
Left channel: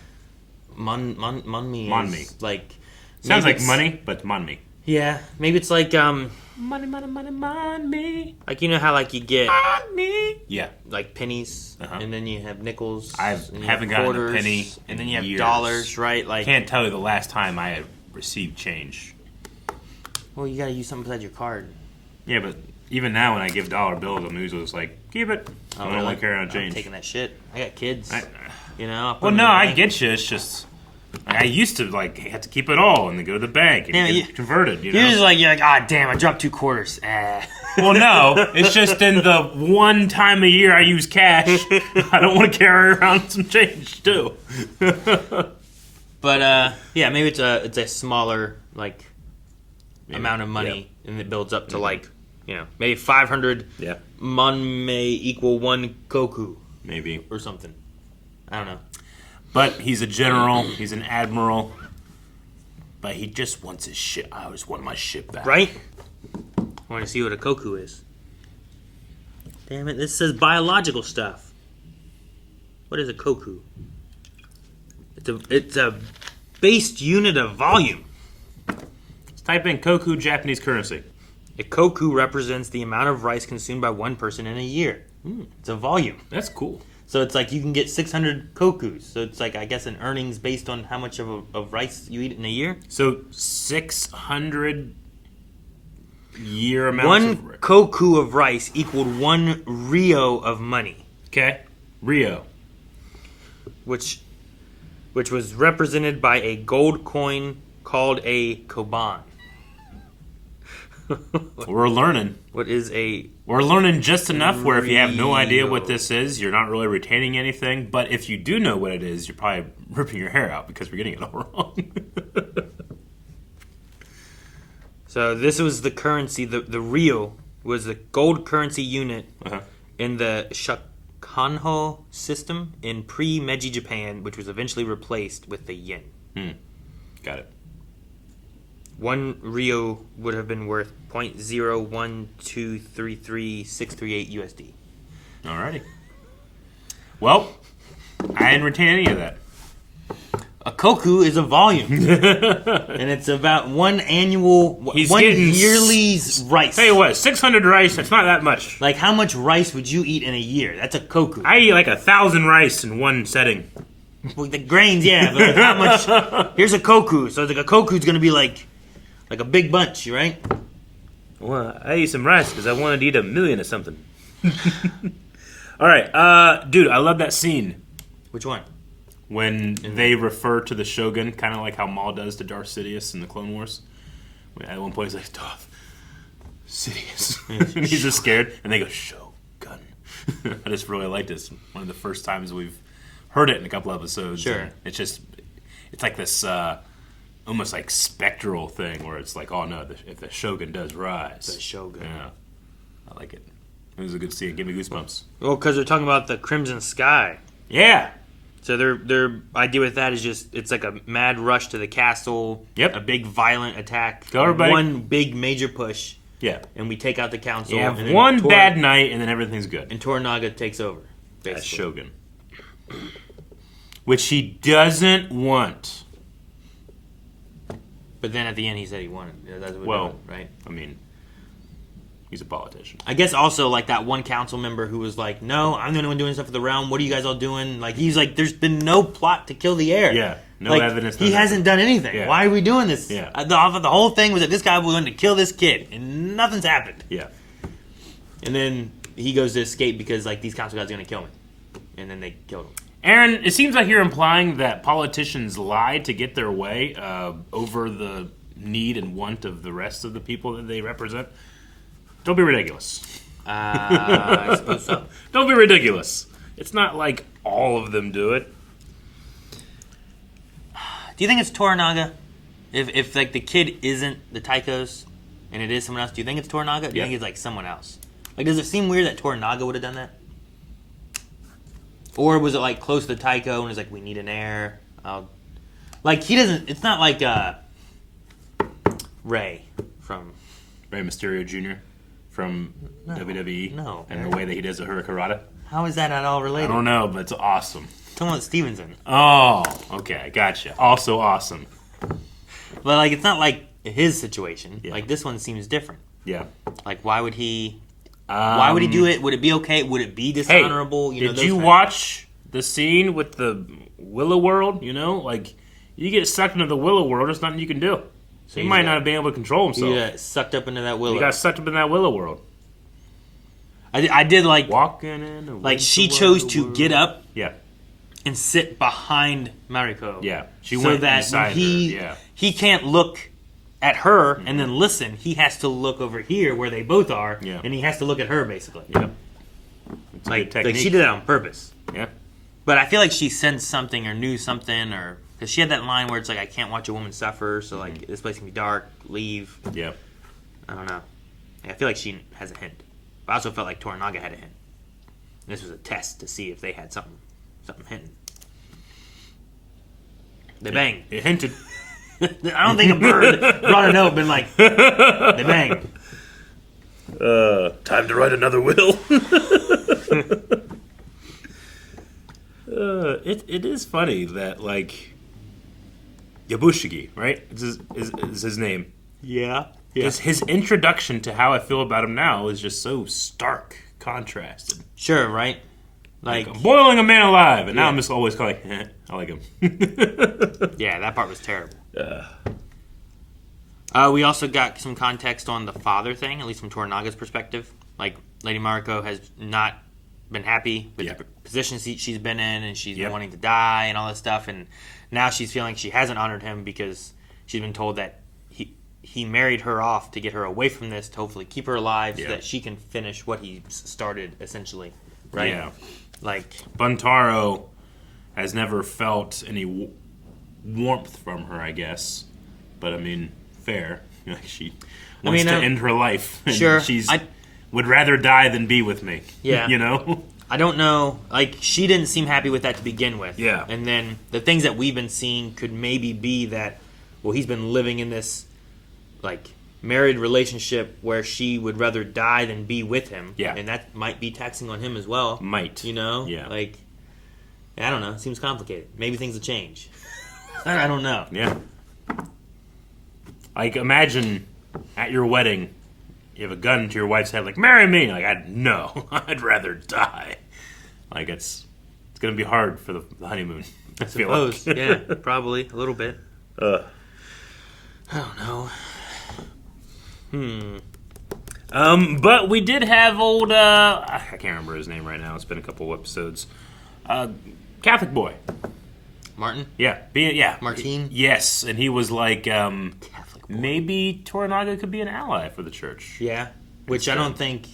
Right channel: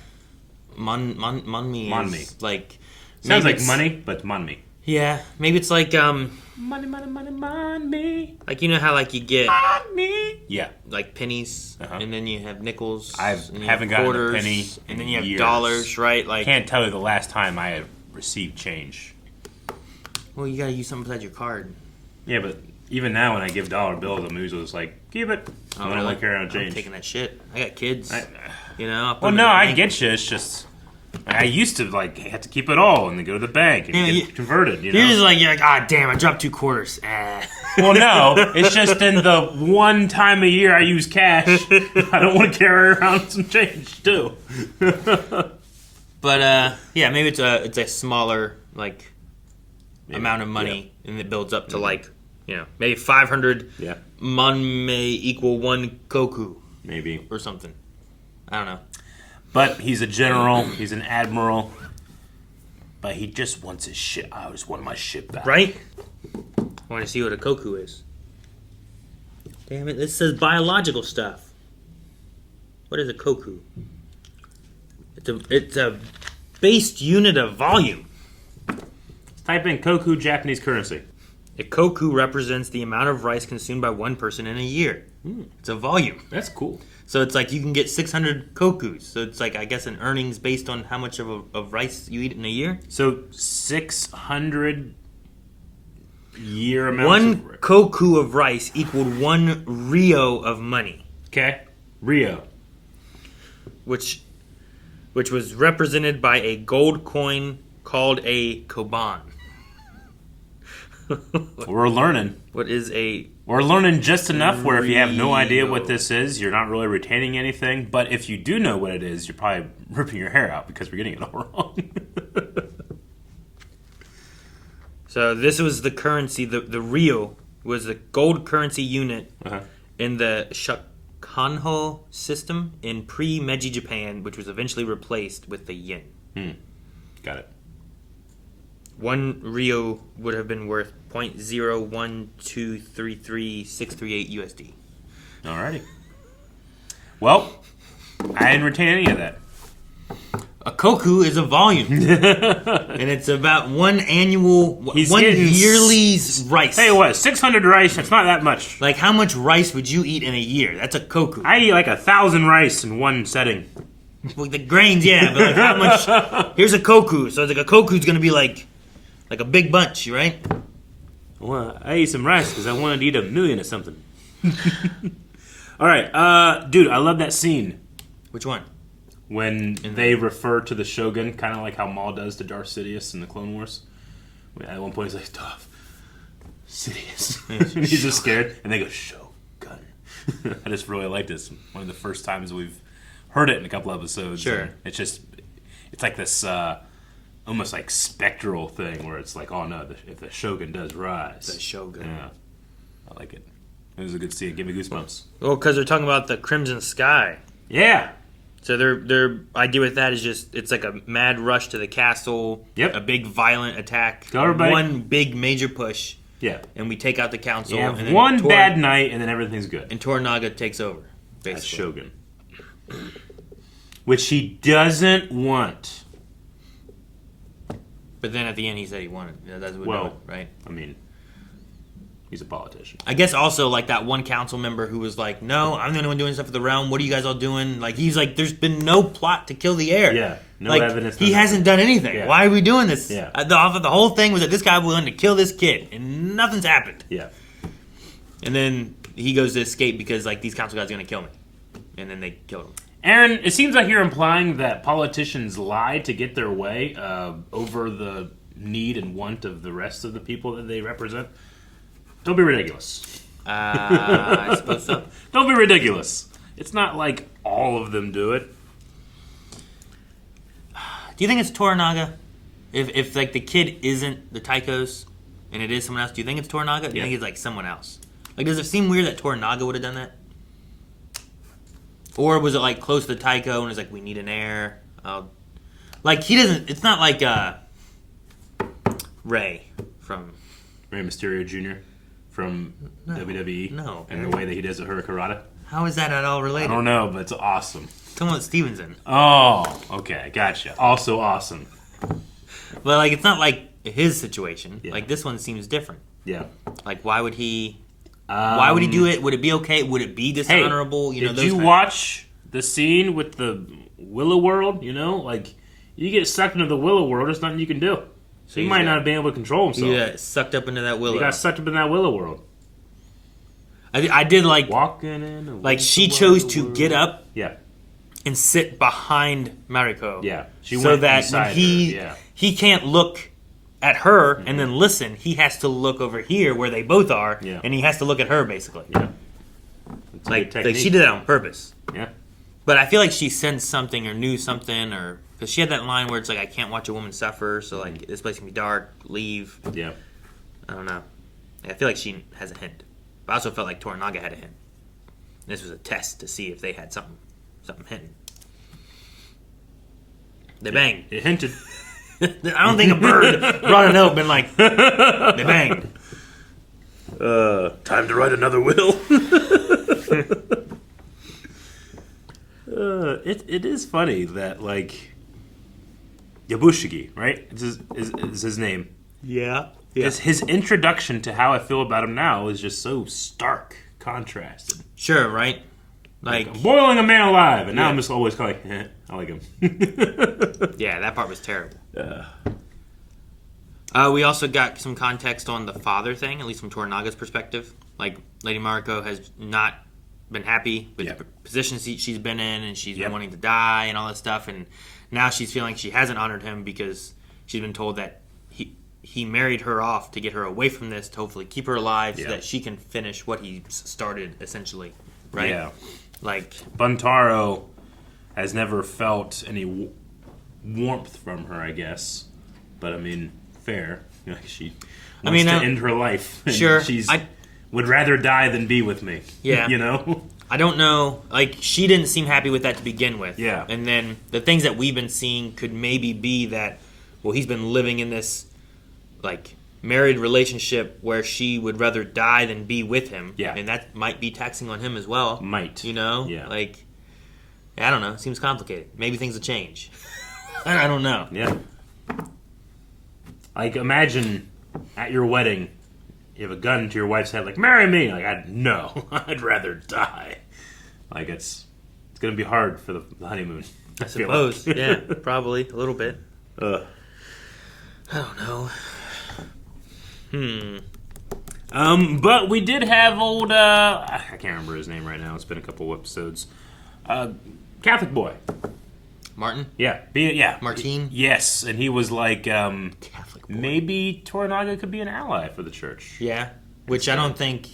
Monmi. Monmi. Is like... Sounds like money, but monmi. Yeah. Maybe it's like... Money. Like, you know how, like, you get... Money. Yeah. Like, pennies, and then you have nickels. I haven't gotten a penny and then you have years. dollars, right? Like, Can't tell you the last time I have received change. Well, you gotta use something besides your card. Yeah, but even now when I give dollar bills, I'm usually just like, keep it. I don't want to carry on change. I'm taking that shit. I got kids. You know? Well, no, I get you. It's just... I used to, like, have to keep it all and then go to the bank and get converted, you know? You're just like, ah, damn, I dropped 2 quarters. Well, no, it's just in the one time a year I use cash, I don't want to carry around some change, too. But, yeah, maybe it's a smaller, like, amount of money, and it builds up to, like, you know, maybe 500 mon may equal 1 koku. Maybe. Or something. I don't know. But he's a general, he's an admiral, but he just wants his ship. I always want my ship back. Right? I want to see what a koku is. Damn it, this says biological stuff. What is a koku? It's a based unit of volume. Let's type in koku Japanese currency. A koku represents the amount of rice consumed by one person in a year. It's a volume. That's cool. So it's like you can get 600 kokus. So it's like, I guess, an earnings based on how much of rice you eat in a year. So 600 year amounts One koku of rice equaled 1 ryo of money. Okay. Ryo. Which was represented by a gold coin called a koban. We're learning. What is a... We're learning just enough where if you have no idea what this is, you're not really retaining anything. But if you do know what it is, you're probably ripping your hair out because we're getting it all wrong. So this was the currency, the ryo was the gold currency unit in the Shogun system in pre-Meiji Japan, which was eventually replaced with the yen. Got it. 1 ryo would have been worth 0.01233,638 USD. Alrighty. Well, I didn't retain any of that. A koku is a volume. And it's about one yearly rice. Hey, what? 600 rice? That's not that much. Like, how much rice would you eat in a year? That's a koku. I eat like 1,000 rice in one setting. Well, the grains, yeah, but like how much... Here's a koku. So like a koku's going to be like a big bunch, right? Well, I eat some rice because I wanted to eat 1,000,000 or something. Alright, dude, I love that scene. Which one? When they refer to the Shogun, kind of like how Maul does to Darth Sidious in the Clone Wars. At one point he's like, Darth Sidious. And he's just scared. And they go, Shogun. I just really like this. One of the first times we've heard it in a couple episodes. Sure. It's just, it's like this almost like spectral thing where it's like, oh no, if the Shogun does rise. The Shogun. Yeah. I like it. It was a good scene. Give me goosebumps. Well, because they're talking about the Crimson Sky. Yeah. So their idea with that is just, it's like a mad rush to the castle. Yep. A big violent attack. Go everybody. One big major push. Yeah. And we take out the council. You have and then one bad night and then everything's good. And Toranaga takes over. Basically. That's Shogun. Which he doesn't want. But then at the end he said he wanted. That's what we're doing, right? I mean, he's a politician. I guess also like that one council member who was like, no, I'm the only one doing stuff for the realm. What are you guys all doing? Like, he's like, there's been no plot to kill the heir. Yeah, no like, evidence. He hasn't done anything. Yeah. Why are we doing this? Yeah. The whole thing was that this guy wanted to kill this kid, and nothing's happened. Yeah. And then he goes to escape because like these council guys are going to kill me. And then they killed him. Aaron, it seems like you're implying that politicians lie to get their way over the need and want of the rest of the people that they represent. Don't be ridiculous. I suppose so. Don't be ridiculous. It's not like all of them do it. Do you think it's Toranaga? If like the kid isn't the Taikos and it is someone else, do you think it's Toranaga? Do you think it's like someone else? Like, does it seem weird that Toranaga would have done that? Or was it like close to the Taiko and it's like, we need an heir? Like, he doesn't. It's not like Rey from Rey Mysterio Jr. from WWE. No. And the way that he does a Hurricanrana. How is that at all related? I don't know, but it's awesome. Come on, Stevenson. Oh, okay, gotcha. Also awesome. But like, it's not like his situation. Yeah. Like, this one seems different. Yeah. Like, why would he? Why would he do it? Would it be okay? Would it be dishonorable? Hey, did you watch the scene with the Willow World? You know, like, you get sucked into the Willow World, there's nothing you can do. So he might not have been able to control himself. He got sucked up into that Willow. He got sucked up in that Willow World. I did like walking in. Like, she chose to get up. Yeah. And sit behind Mariko. Yeah. She so went that when he can't look at her and then listen. He has to look over here where they both are, and he has to look at her basically. Yeah. Like she did it on purpose. Yeah. But I feel like she sensed something or knew something, or because she had that line where it's like, I can't watch a woman suffer, so like this place can be dark. Leave. Yeah. I don't know. I feel like she has a hint. But I also felt like Toranaga had a hint. This was a test to see if they had something hinting. They banged. It hinted. I don't think a bird brought a note been like, they banged. Time to write another will. It is funny that, like, Yabushigi, right? Is his name. Yeah. His introduction to how I feel about him now is just so stark contrasted. Sure, right? Like I'm boiling a man alive, and now I'm just always like, I like him. Yeah, that part was terrible. We also got some context on the father thing, at least from Toranaga's perspective. Like, Lady Mariko has not been happy with the position she's been in, and she's been wanting to die and all this stuff, and now she's feeling she hasn't honored him because she's been told that he married her off to get her away from this, to hopefully keep her alive so that she can finish what he started, essentially. Right? Yeah. Like, Buntaro has never felt any warmth from her, I guess. But I mean, fair. Like, she wants to end her life. And sure. Would rather die than be with me. Yeah. You know? I don't know. Like, she didn't seem happy with that to begin with. Yeah. And then the things that we've been seeing could maybe be that, well, he's been living in this, like, married relationship where she would rather die than be with him. Yeah. And that might be taxing on him as well. Might. You know? Yeah. Like, I don't know. It seems complicated. Maybe things will change. I don't know. Yeah. Like, imagine at your wedding, you have a gun to your wife's head, like, marry me. Like, no, I'd rather die. Like, it's going to be hard for the honeymoon. I suppose. Like. Yeah, probably. A little bit. I don't know. But we did have old, I can't remember his name right now. It's been a couple episodes. Catholic boy. Martin? Yeah. Martine? Yes, and he was like, maybe Toranaga could be an ally for the church. Yeah, which I don't think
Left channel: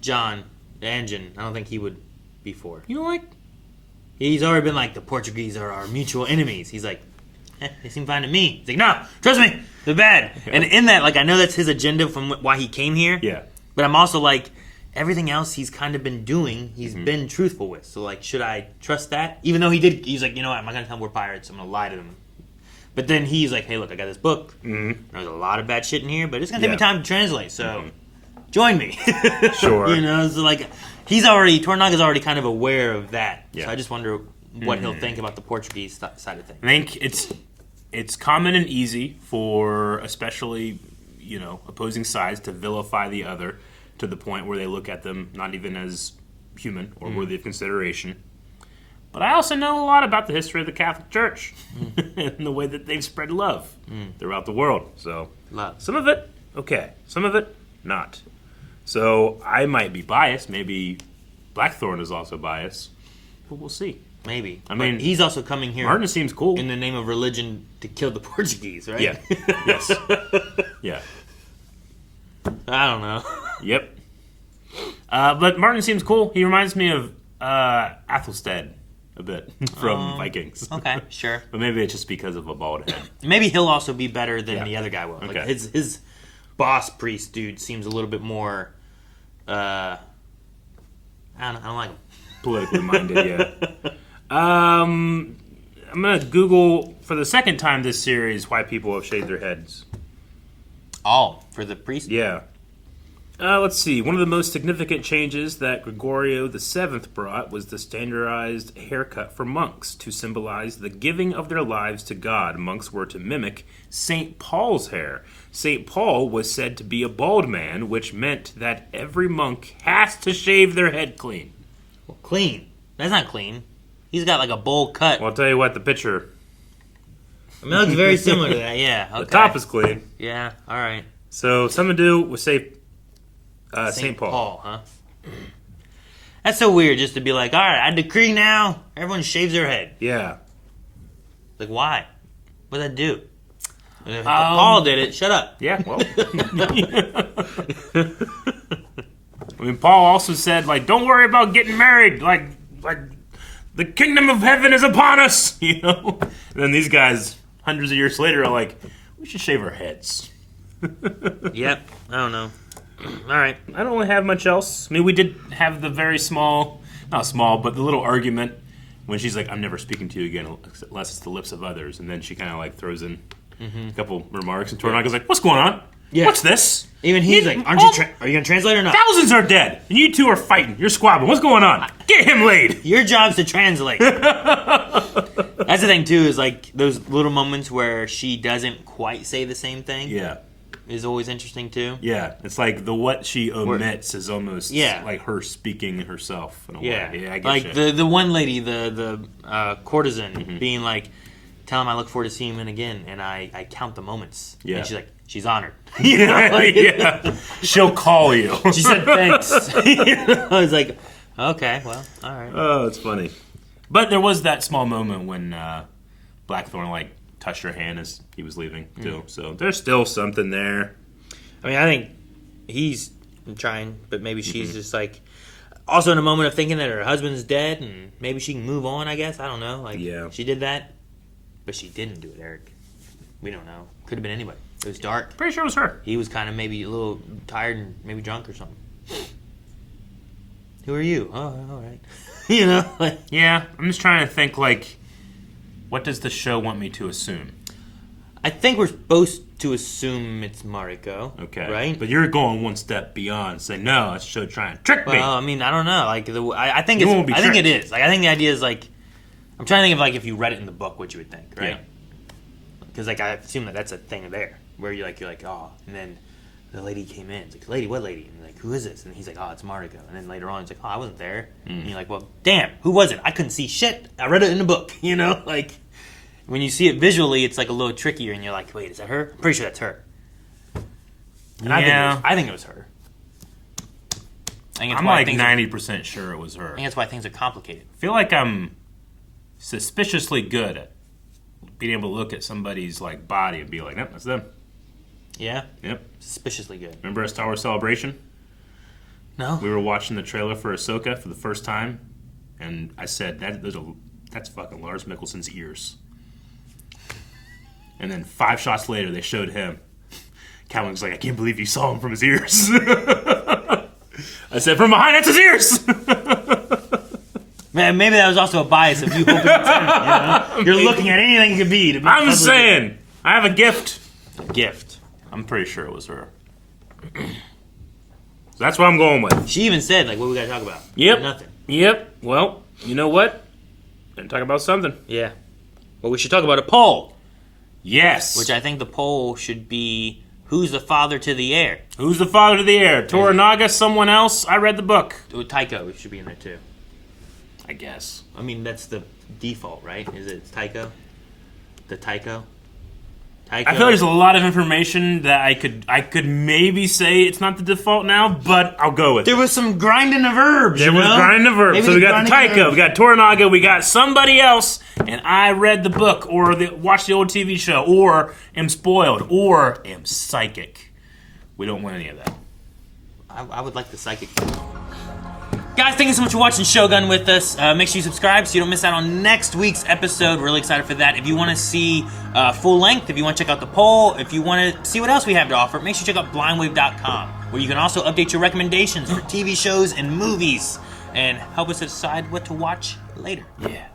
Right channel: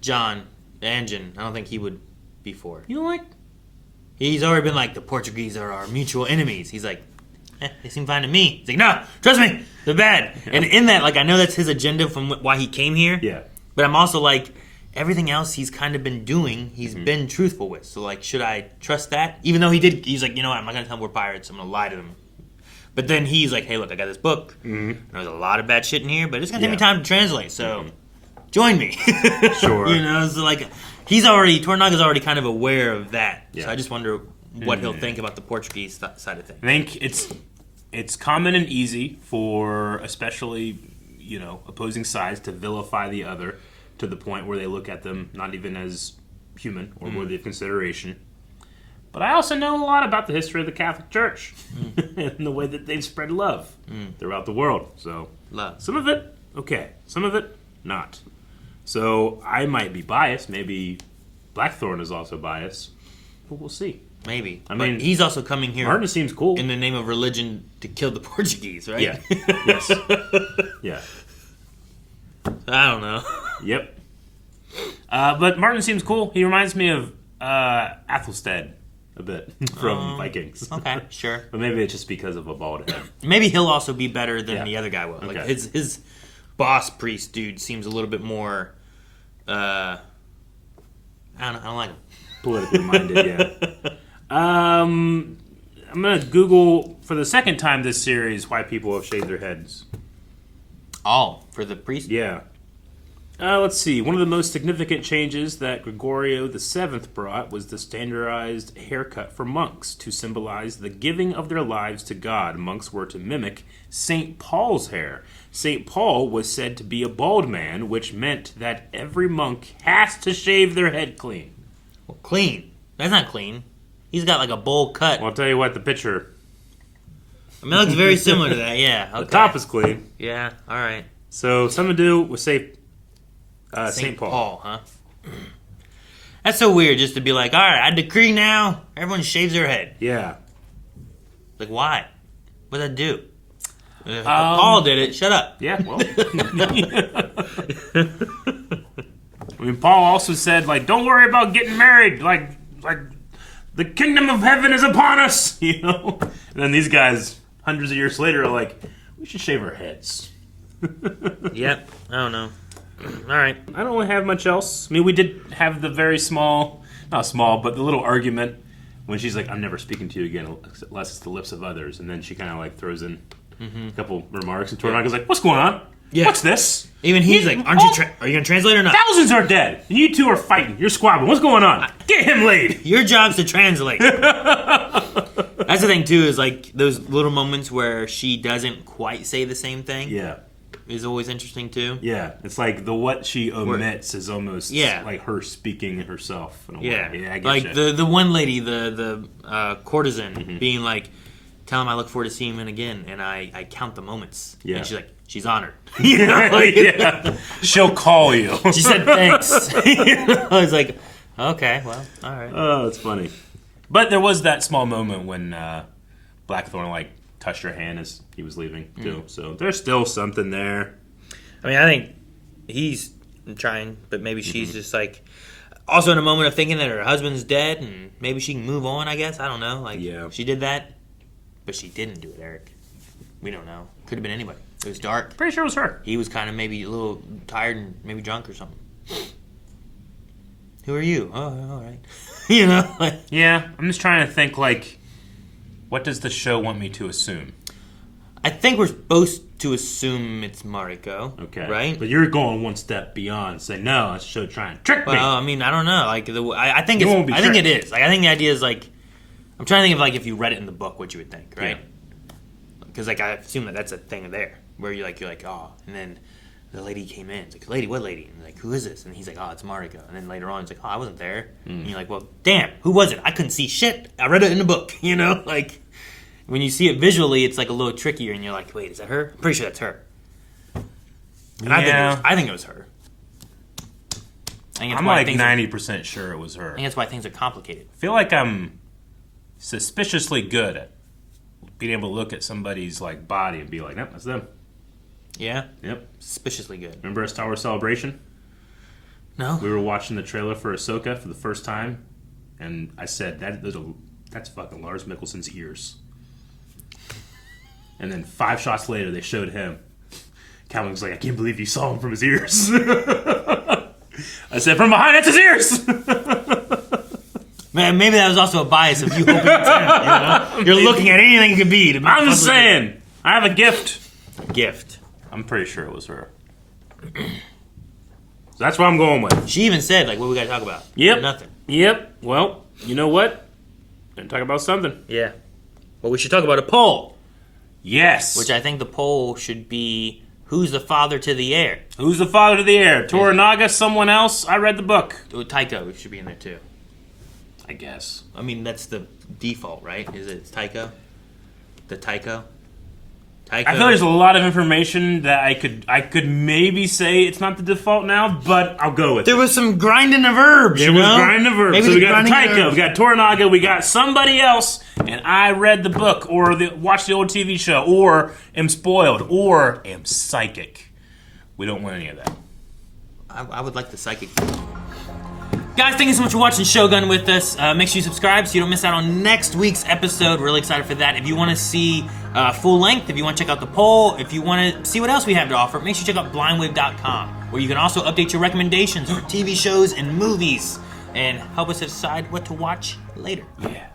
John, the engine, I don't think he would be for. You know, like? He's already been like, the Portuguese are our mutual enemies. He's like, they seem fine to me. He's like, no, trust me, they're bad. Yeah. And in that, like, I know that's his agenda from why he came here. Yeah. But I'm also like, everything else he's kind of been doing, he's been truthful with. So, like, should I trust that? Even though he's like, you know what, I'm not going to tell him we're pirates. I'm going to lie to them. But then he's like, hey, look, I got this book. There's a lot of bad shit in here, but it's going to take me time to translate. So, join me. Sure. You know, so, like, Toranaga's already kind of aware of that. Yeah. So I just wonder what he'll think about the Portuguese side of things. I think it's common and easy for, especially, you know, opposing sides to vilify the other to the point where they look at them not even as human or worthy of consideration. But I also know a lot about the history of the Catholic Church and the way that they've spread love throughout the world. So some of it, okay. Some of it, not. So I might be biased. Maybe Blackthorn is also biased. But we'll see. Maybe. I mean, he's also coming here. Martin seems cool in the name of religion to kill the Portuguese, right? Yeah. Yes. Yeah. I don't know. Yep. But Martin seems cool. He reminds me of Athelstan a bit from Vikings. Okay, sure. But maybe it's just because of a bald head. Maybe he'll also be better than the other guy will. Okay. Like his boss priest dude seems a little bit more. I don't like him. Politically minded, yeah. I'm gonna Google for the second time this series why people have shaved their heads. Oh, for the priest? Yeah. Let's see. One of the most significant changes that Gregorio VII brought was the standardized haircut for monks to symbolize the giving of their lives to God. Monks were to mimic St. Paul's hair. St. Paul was said to be a bald man, which meant that every monk has to shave their head clean. Well, clean? That's not clean. He's got like a bowl cut. Well, I'll tell you what, the picture... I mean, it looks very similar to that, yeah. Okay. The top is clean. Yeah, all right. So, something to do with St. Paul. Huh? That's so weird just to be like, all right, I decree now, everyone shaves their head. Yeah. Like, why? What did that do? Paul did it. Shut up. Yeah, well. I mean, Paul also said, like, don't worry about getting married. Like the kingdom of heaven is upon us, you know? And then these guys, hundreds of years later, are like, we should shave our heads. Yep. I don't know. All right. I don't really have much else. I mean, we did have the very not small, but the little argument when she's like, I'm never speaking to you again unless it's the lips of others. And then she kind of like throws in a couple remarks, and Toranaga's like, what's going on? Yeah. What's this? Even he's like, are you going to translate or not? Thousands are dead, and you two are fighting. You're squabbling. What's going on? Get him laid. Your job's to translate. That's the thing, too, is like those little moments where she doesn't quite say the same thing. Yeah. Is always interesting, too. Yeah. It's like what she omits is almost yeah. like her speaking herself. In a yeah. way. Yeah, I get like you. the one lady, the courtesan, being like, tell him I look forward to seeing him again, and I count the moments. Yeah. And she's like, she's honored. You know, like, yeah. She'll call you. She said thanks. I was like, okay, well, all right. Oh, it's funny. But there was that small moment when Blackthorn like touched her hand as he was leaving too. So there's still something there. I mean, I think he's trying, but maybe she's just like also in a moment of thinking that her husband's dead and maybe she can move on. I guess I don't know. Like, she did that, but she didn't do it, Eric. We don't know. Could have been anybody. It was dark. Pretty sure it was her. He was kind of maybe a little tired and maybe drunk or something. Who are you? Oh, all right. You know? Like, yeah, I'm just trying to think, like, what does the show want me to assume? I think we're supposed to assume it's Mariko. Okay. Right? But you're going one step beyond, saying, no, it's a show trying to trick me. Well, I mean, I don't know. Like, I think it's, I think it is. Like, I think the idea is, like, I'm trying to think of, like, if you read it in the book, what you would think, right? Because, like, I assume that that's a thing there. Where you're like, oh, and then the lady came in. It's like, lady, what lady? And like, who is this? And he's like, oh, it's Mariko. And then later on, it's like, oh, I wasn't there. And you're like, well, damn, who was it? I couldn't see shit. I read it in the book, you know? Like, when you see it visually, it's like a little trickier, and you're like, wait, is that her? I'm pretty sure that's her. And yeah. I think it was her. I'm like 90% sure it was her. I think that's why things are complicated. I feel like I'm suspiciously good at being able to look at somebody's like body and be like, nope, that's them. Yeah? Yep. Suspiciously good. Remember us Tower Celebration? No. We were watching the trailer for Ahsoka for the first time, and I said, that's fucking Lars Mikkelsen's ears. And then 5 shots later, they showed him. Calvin was like, I can't believe you saw him from his ears. I said, from behind, that's his ears! Man, maybe that was also a bias of you hoping it's him, you know? You're looking at anything it could be. I'm just saying, I have a gift. Gift. I'm pretty sure it was her. So that's what I'm going with. She even said, like, what we got to talk about? Yep. Nothing. Yep. Well, you know what? Gonna talk about something. Yeah. Well, we should talk about a poll. Yes. Which I think the poll should be, who's the father to the heir? Who's the father to the heir? Toranaga, someone else? I read the book. Taiko should be in there, too. I guess. I mean, that's the default, right? Is it Taiko? The Taiko? I feel there's a lot of information that I could maybe say it's not the default now, but I'll go with it. There was some grinding of verbs, There was grinding of verbs. Maybe so we got the Taiko, we got Toranaga, we got somebody else, and I read the book, or watched the old TV show, or am spoiled, or am psychic. We don't want any of that. I would like the psychic. Guys, thank you so much for watching Shogun with us. Make sure you subscribe so you don't miss out on next week's episode. We're really excited for that. If you want to see full length, if you want to check out the poll, if you want to see what else we have to offer, make sure you check out blindwave.com, where you can also update your recommendations for TV shows and movies and help us decide what to watch later. Yeah.